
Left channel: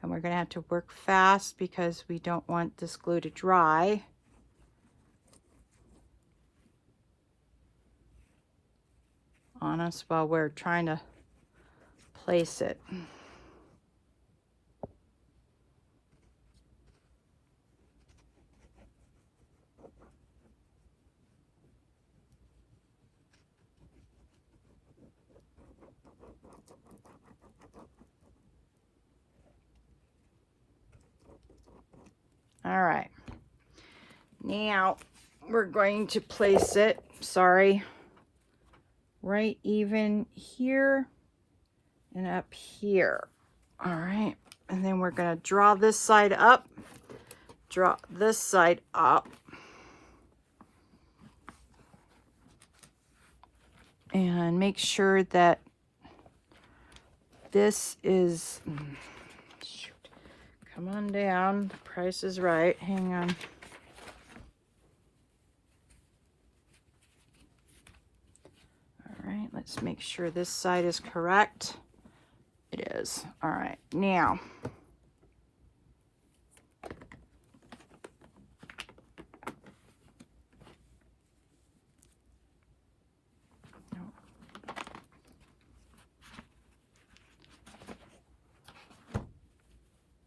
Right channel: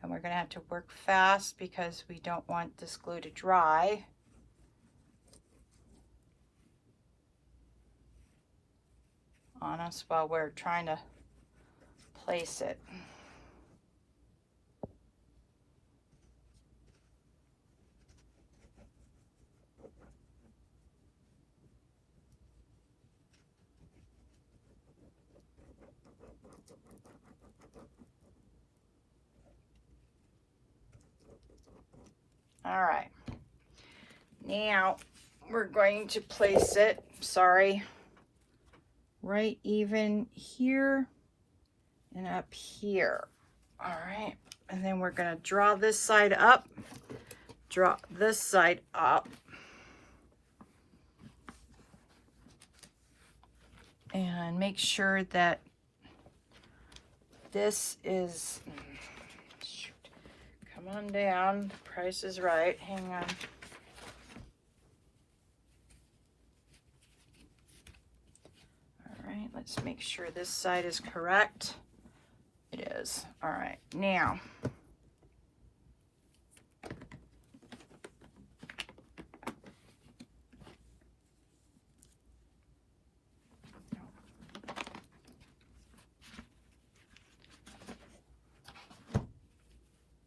we're going to have to work fast because we don't want this glue to dry. On us while we're trying to place it. All right, now we're going to place it, right even here and up here. All right, and then we're going to draw this side up, draw this side up, and make sure that this is, shoot, come on down, the price is right, hang on. All right, let's make sure this side is correct. It is. All right, now